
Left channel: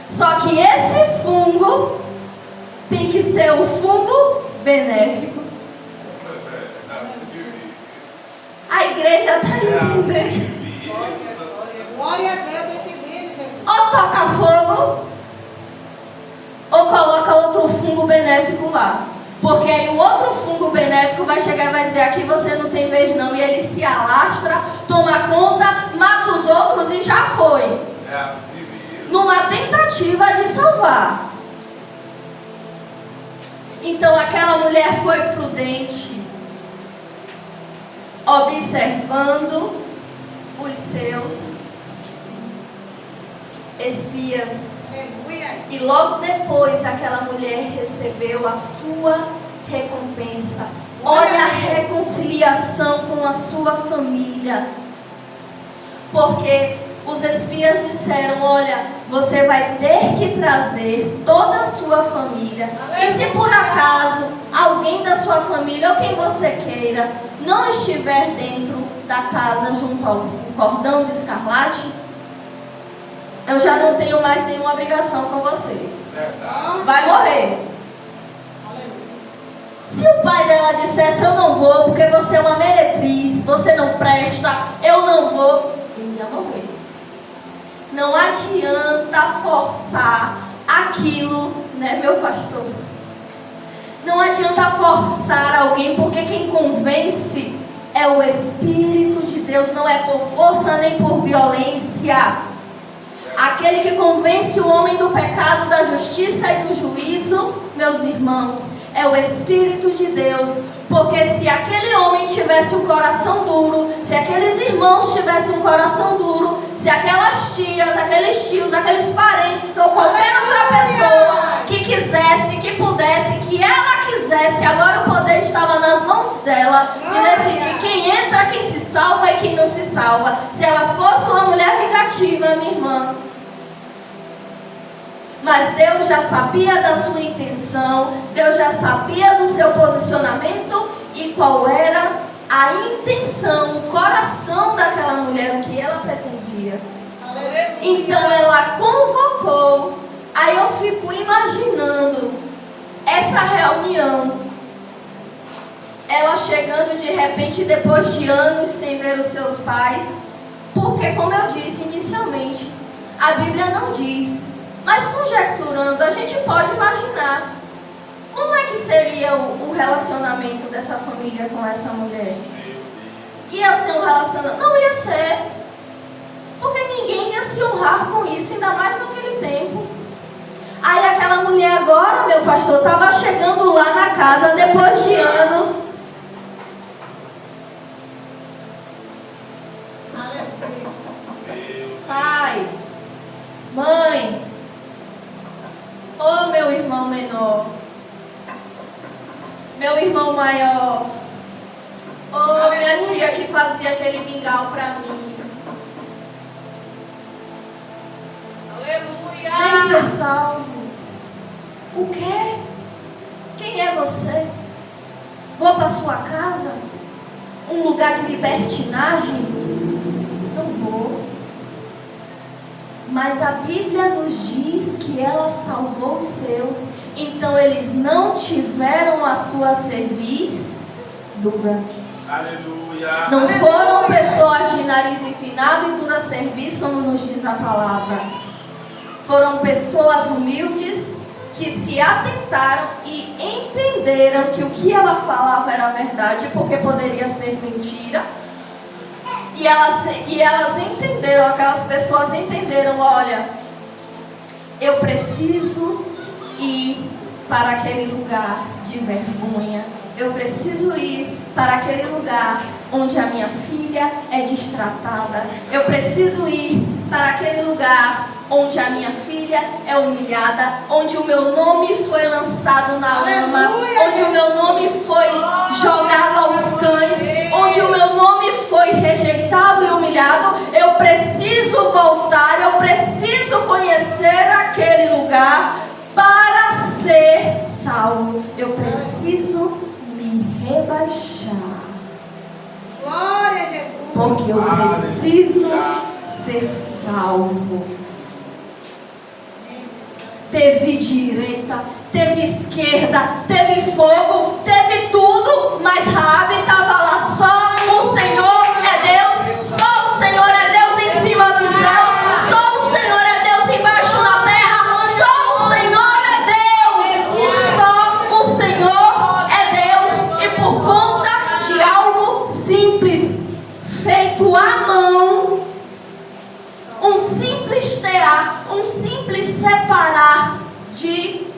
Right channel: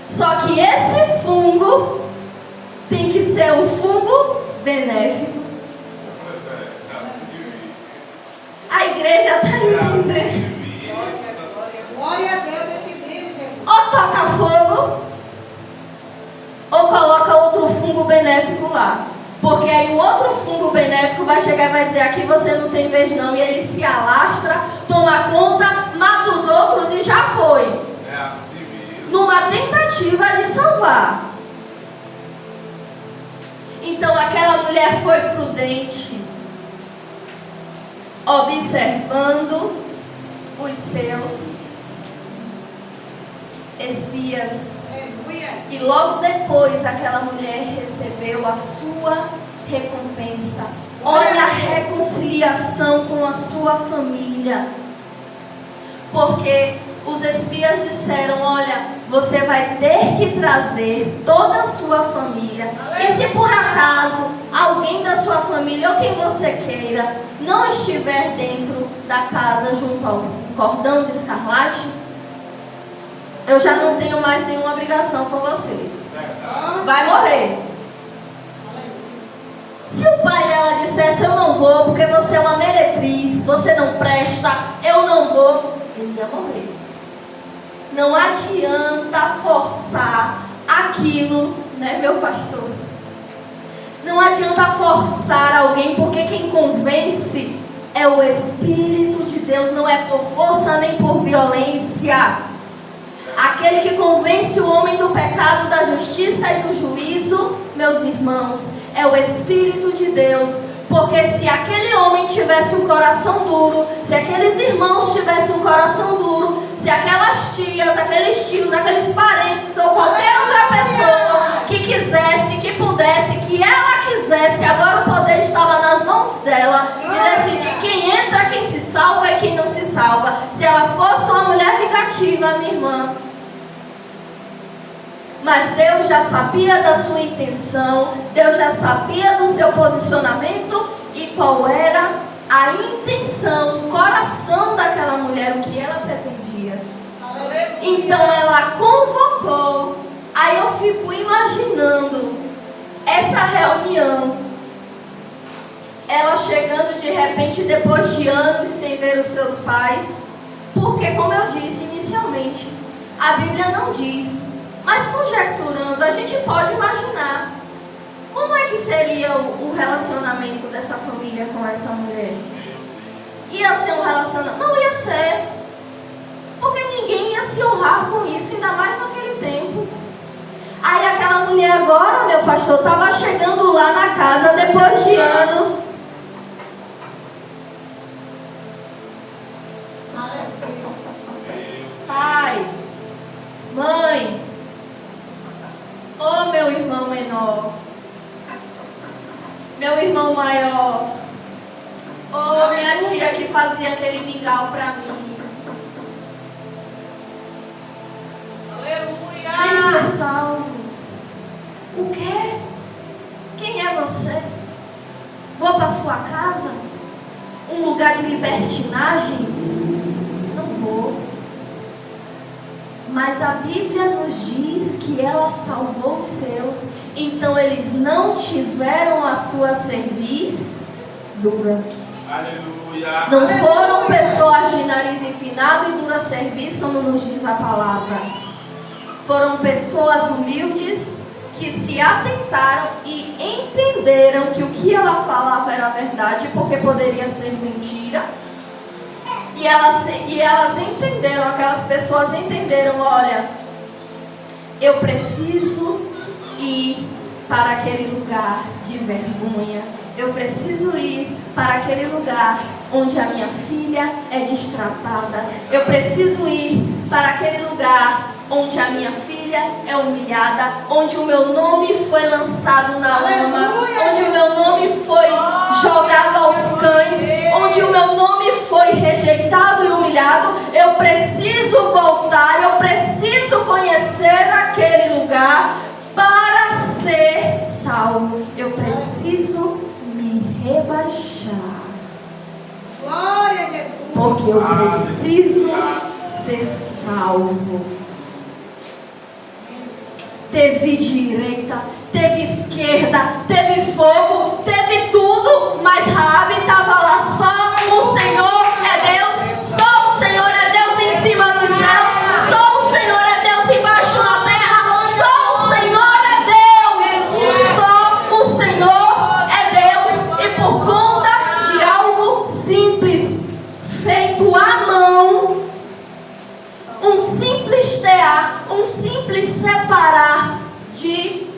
Só que esse fungo tem que ser um fungo benéfico. A igreja está entendendo. Glória a Deus, entendemos. Ou toca fogo, ou coloca outro fungo benéfico lá. Porque aí o outro fungo benéfico vai chegar e vai dizer, aqui você não tem vez não. E ele se alastra, toma conta, mata os outros e já foi. Numa tentativa de salvar. Então aquela mulher foi prudente, observando os seus espias. E logo depois aquela mulher recebeu a sua recompensa. Olha a reconciliação com a sua família. Porque os espias disseram, olha, você vai ter que trazer toda a sua família. E se por acaso alguém da sua família, ou quem você queira, não estiver dentro da casa junto ao cordão de escarlate, eu já não tenho mais nenhuma obrigação com você. Vai morrer. Se o pai dela dissesse, eu não vou, porque você é uma meretriz, você não presta, eu não vou, ele ia morrer. Não adianta forçar aquilo, né, meu pastor? Não adianta forçar alguém, porque quem convence é o Espírito de Deus não é por força nem por violência. Aquele que convence o homem do pecado, da justiça e do juízo, meus irmãos, é o Espírito de Deus. Porque se aquele homem tivesse um coração duro, se aqueles irmãos tivessem um coração duro, se aquelas tias, aqueles tios, aqueles parentes ou qualquer outra pessoa que quisesse, que pudesse, que ela quisesse, agora o poder estava nas mãos dela de decidir quem entra, quem se salva e quem não se salva. Se ela fosse uma mulher vingativa, minha irmã. Mas Deus já sabia da sua intenção, Deus já sabia do seu posicionamento e qual era a intenção, o coração daquela mulher, o que ela pretendia. Então ela convocou. Aí eu fico imaginando essa reunião, ela chegando de repente depois de anos sem ver os seus pais, porque como eu disse inicialmente, a Bíblia não diz. Mas conjecturando, a gente pode imaginar como é que seria o relacionamento dessa família com essa mulher. Ia ser um relacionamento? Não ia ser. Porque ninguém ia se honrar com isso, ainda mais naquele tempo. Aí aquela mulher agora, meu pastor, estava chegando lá na casa depois de anos. Pai, mãe, ô meu irmão menor, meu irmão maior, ô minha tia que fazia aquele mingau pra mim. Aleluia! Vem ser salvo. O quê? Quem é você? Vou para sua casa? Um lugar de libertinagem? Não vou. Mas a Bíblia nos diz que ela salvou os seus, então eles não tiveram a sua cerviz dura. Aleluia. Não foram pessoas de nariz empinado e dura cerviz, como nos diz a palavra. Foram pessoas humildes que se atentaram e entenderam que o que ela falava era verdade, porque poderia ser mentira. E elas entenderam, aquelas pessoas entenderam, olha, eu preciso ir para aquele lugar de vergonha. Eu preciso ir para aquele lugar onde a minha filha é destratada. Eu preciso ir para aquele lugar onde a minha filha é humilhada, onde o meu nome foi lançado na lama, onde o meu nome foi jogado aos cães, onde o meu nome foi rejeitado e humilhado. Eu preciso voltar, eu preciso conhecer aquele lugar para ser salvo. Eu preciso me rebaixar. Glória a Jesus. Porque eu preciso ser salvo. Teve direita, teve esquerda, teve fogo, teve tudo, mas Raabe estava lá. Só o Senhor é Deus, só o Senhor é Deus em cima dos céus, só o Senhor é Deus embaixo da terra, só o Senhor é Deus, só o Senhor é Deus. E por conta de algo simples, feito à mão, um simples tear, um simples separar de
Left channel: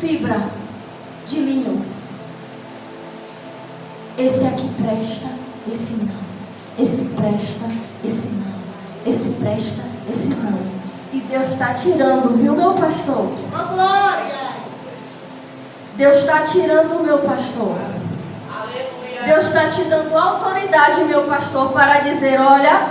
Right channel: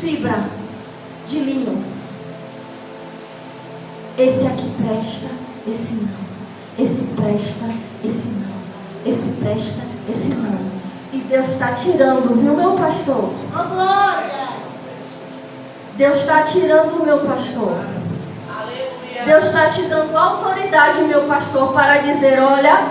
fibra, de linho. Esse aqui presta, esse não. Esse presta, esse não. Esse presta, esse não. E Deus está tirando, viu, meu pastor? Oh, glória! Deus está tirando, meu pastor. Aleluia! Deus está te dando autoridade, meu pastor, para dizer, olha,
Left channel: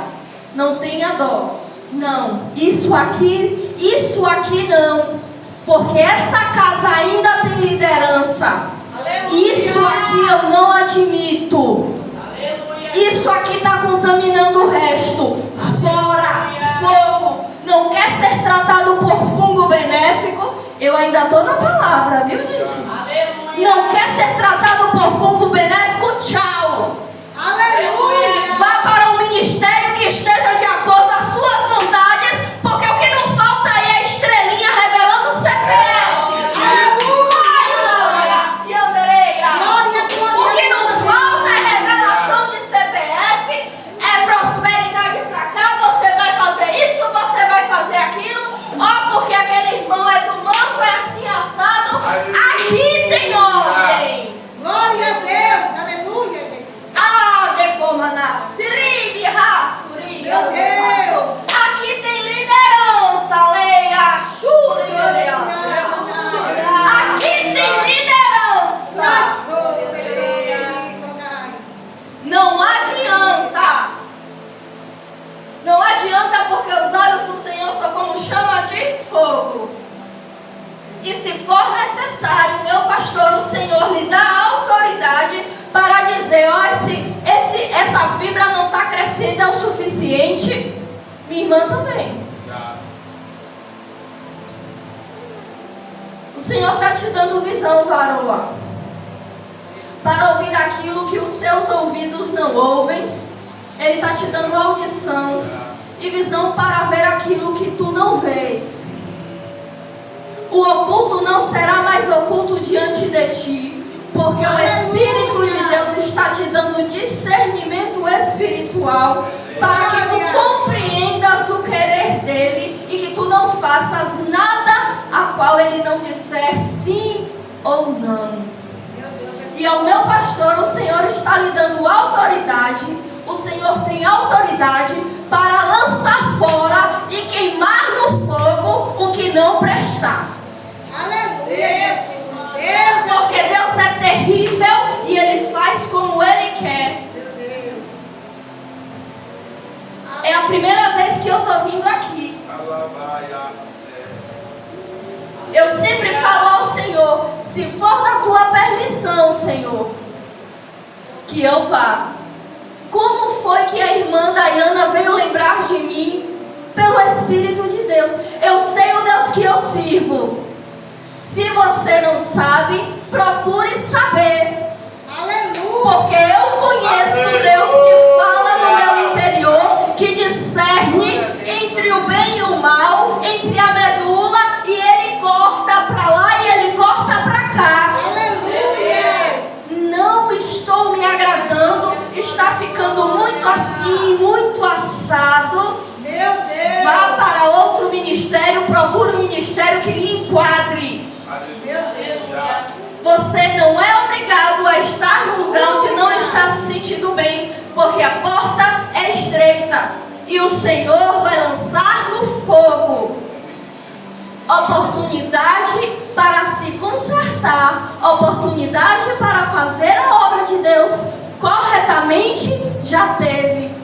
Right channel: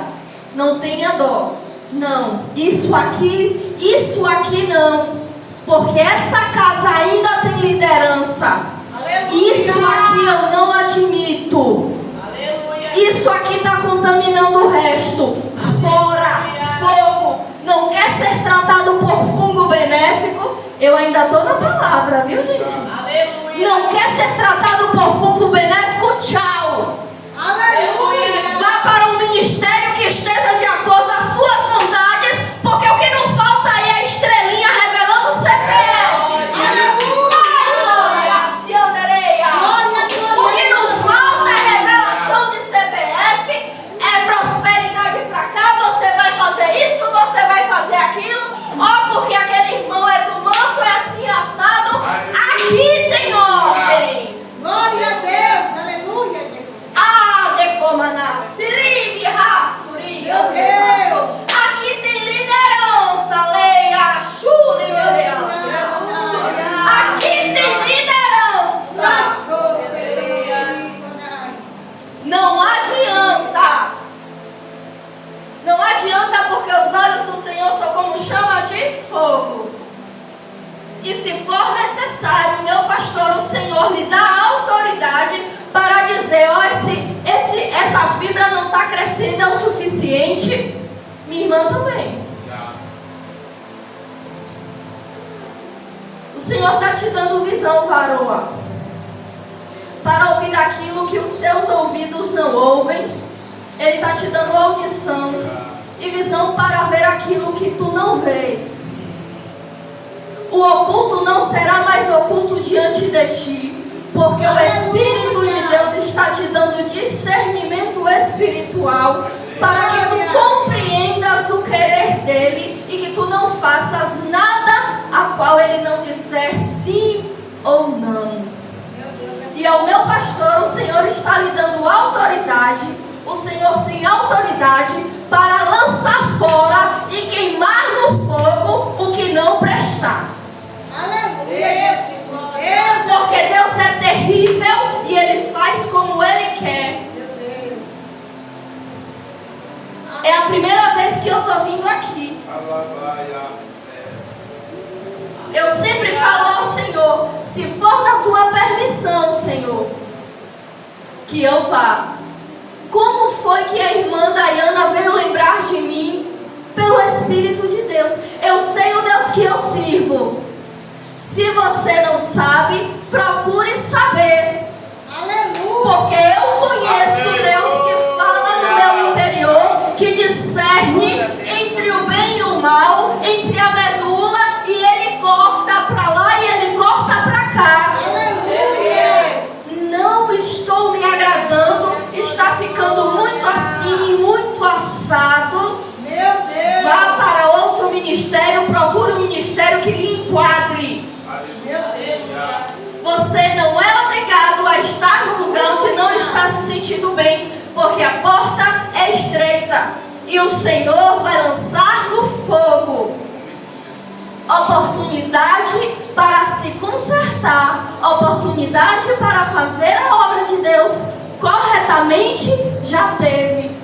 não tenha dó. Não, isso aqui não. Porque essa casa ainda tem liderança. Aleluia! Isso aqui eu não admito. Aleluia! Isso aqui está contaminando o resto. Fora, fogo. Não quer ser tratado por fungo benéfico? Eu ainda estou na palavra, viu, gente? Aleluia! Não quer ser tratado por fungo benéfico? Tchau. Aleluia! Vá para um ministério que esteja de acordo com as suas vontades, porque o que não falta aí é a estrelinha revelando o CPF. O que não falta é revelação de CPF, dando visão, varoa, para ouvir aquilo que os seus ouvidos não ouvem. Ele está te dando audição e visão para ver aquilo que tu não vês. O oculto não será mais oculto diante de ti, porque o Espírito de Deus está te dando discernimento espiritual para que tu compreendas o querer dele e que tu não faças nada a qual ele não disser sim ou não. E ao meu pastor, o Senhor está lhe dando autoridade. O Senhor tem autoridade para lançar fora e queimar no fogo o que não prestar. Aleluia. Porque Deus é terrível e Ele faz como Ele quer. É a primeira vez que eu estou vindo aqui. Eu sempre falo ao Senhor, se for da tua permissão, Senhor, que eu vá. Como foi que a irmã Dayana veio lembrar de mim? Pelo Espírito de Deus. Eu sei o Deus que eu sirvo. Se você não sabe, procure saber. Aleluia. Porque eu conheço o Deus que fala no meu interior, que discerne entre o bem e o mal, entre a medula, e Ele corta para lá e Ele corta para cá. Aleluia. Não estou me agradando, está ficando muito assim, muito assado. Meu Deus. Vá para outro ministério, procure um ministério que lhe enquadre. Meu Deus. Você não é obrigado a estar no lugar onde não está se sentindo bem, porque a porta é estreita e o Senhor vai lançar no fogo oportunidade para se consertar, oportunidade para fazer a obra de Deus corretamente. Já teve.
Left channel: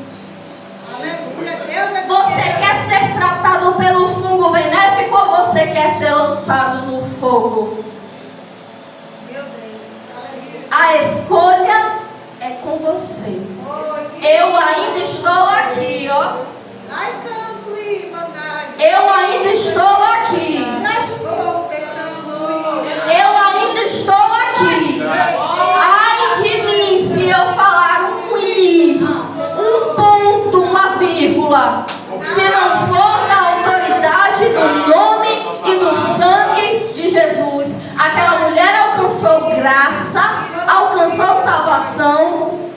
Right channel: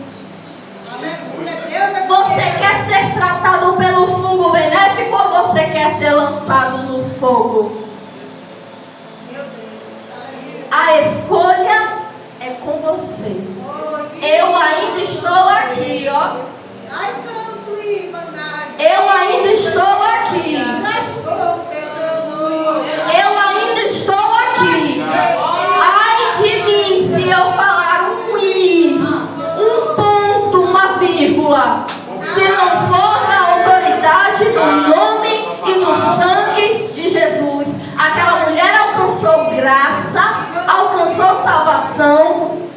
Aleluia. Deus é Você quer ser tratado pelo fungo benéfico ou você quer ser lançado no fogo? Meu Deus. Aleluia. A escolha é com você. Eu ainda estou aqui, ó. Ai, canto e mandai. Eu ainda estou aqui. Estou tentando. Eu ainda estou aqui. Ai de mim se eu falar um i, um ponto, uma vírgula, se não for da autoridade do nome e do sangue de Jesus. Aquela mulher alcançou graça, alcançou salvação,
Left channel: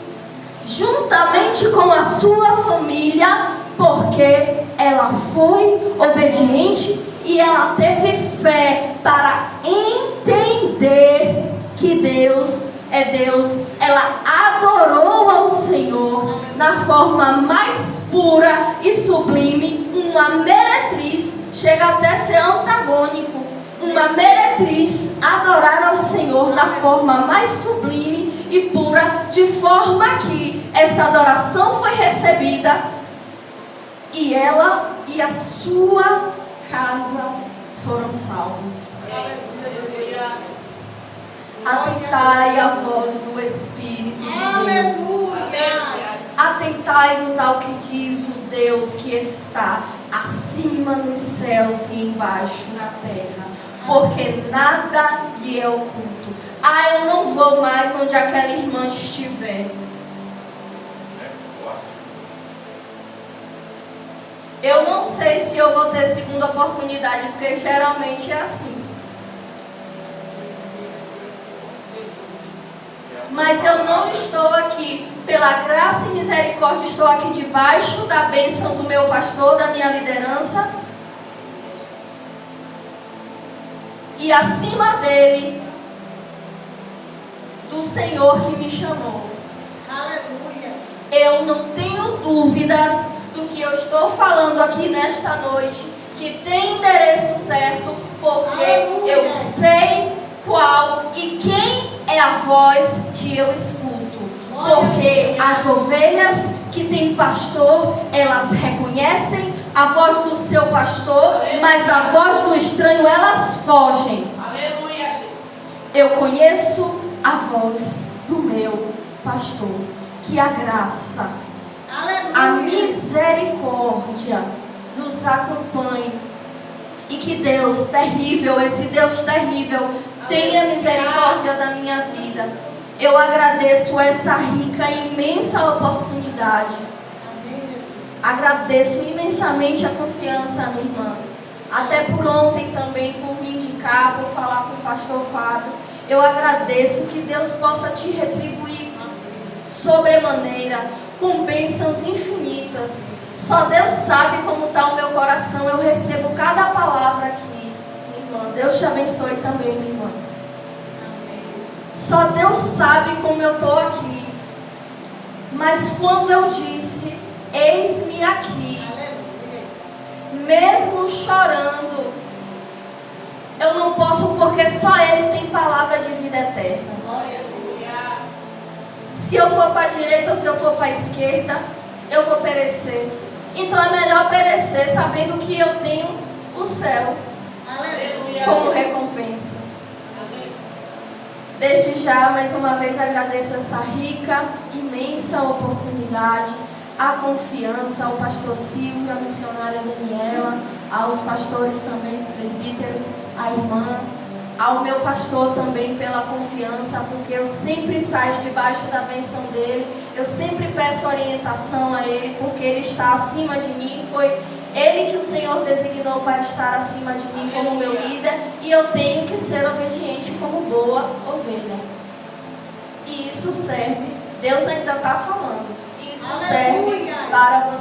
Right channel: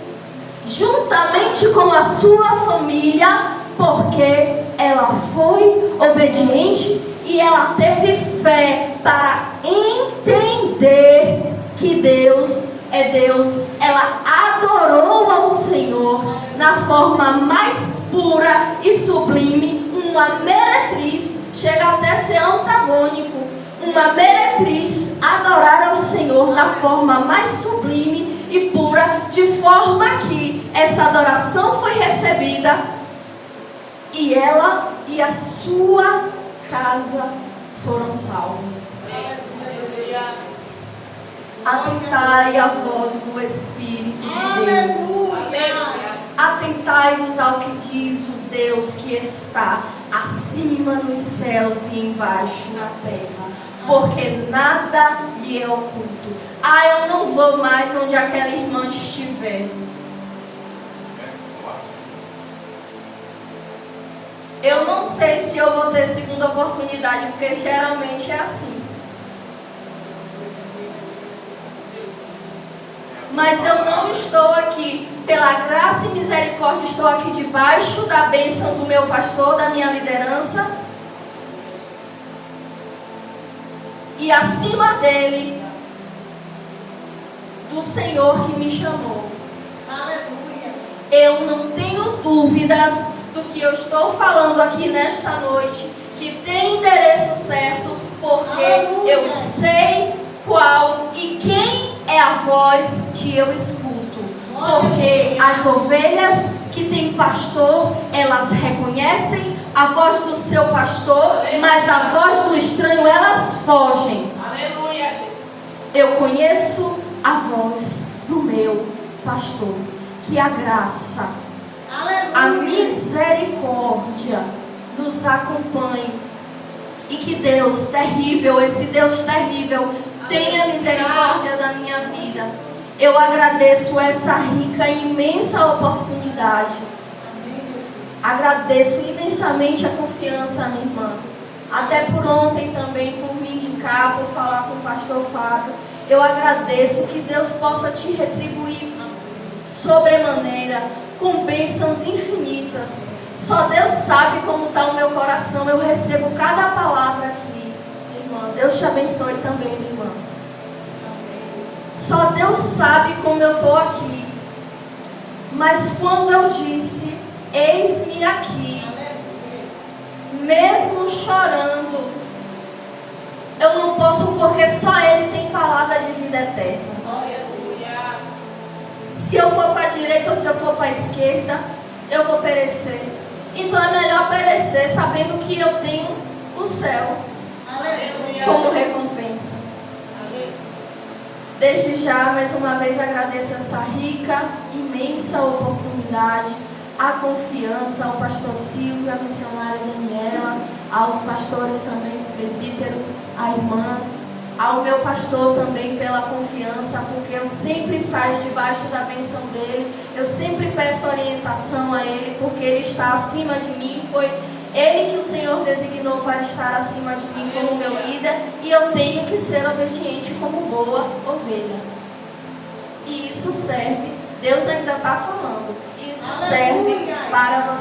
juntamente com a sua família, porque ela foi obediente e ela teve fé para entender que Deus é Deus. Ela adorou ao Senhor na forma mais pura e sublime. Uma meretriz, chega até ser antagônico. Uma meretriz adorar ao Senhor da forma mais sublime e pura, de forma que essa adoração foi recebida e ela e a sua casa foram salvos. Atentai à voz do Espírito de Deus. Atentai-vos ao que diz o Deus que está acima nos céus e embaixo na terra, porque nada lhe é oculto. Ah, eu não vou mais onde aquela irmã estiver. Eu não sei se eu vou ter segunda oportunidade, porque geralmente é assim. Mas eu não estou aqui pela graça e misericórdia, estou aqui debaixo da bênção do meu pastor, da minha liderança. E acima dele, do Senhor que me chamou. Aleluia. Eu não tenho dúvidas do que eu estou falando aqui nesta noite, que tem endereço certo, porque eu sei qual e quem é a voz que eu escuto. Porque as ovelhas que têm pastor, elas reconhecem a voz do seu pastor, mas a voz do estranho elas fogem. Aleluia. Eu conheço a voz do meu pastor. Que a graça, a misericórdia nos acompanhe. E que Deus terrível, esse Deus terrível, Tenha misericórdia da minha vida. Eu agradeço essa rica e imensa oportunidade. Agradeço imensamente a confiança, minha irmã. Até por ontem também, por me indicar, por falar com o pastor Fábio. Eu agradeço, que Deus possa te retribuir sobremaneira, com bênçãos infinitas. Só Deus sabe como está o meu coração. Eu recebo cada palavra aqui, irmã. Deus te abençoe também, minha irmã. Só Deus sabe como eu estou aqui. Mas quando eu disse, eis-me aqui, mesmo chorando, eu não posso, porque só Ele tem palavra de vida eterna. Se eu for para a direita ou se eu for para a esquerda, eu vou perecer. Então é melhor perecer sabendo que eu tenho o céu como recompensa. Desde já, mais uma vez, agradeço essa rica, imensa oportunidade, a confiança ao pastor Silvio, à missionária Daniela, aos pastores também, os presbíteros, à irmã, ao meu pastor também pela confiança, porque eu sempre saio debaixo da bênção dele, eu sempre peço orientação a ele, porque ele está acima de mim, foi ele que o Senhor designou para estar acima de mim como meu líder, e eu tenho que ser obediente como boa ovelha. E isso serve, Deus ainda está falando, isso serve para você.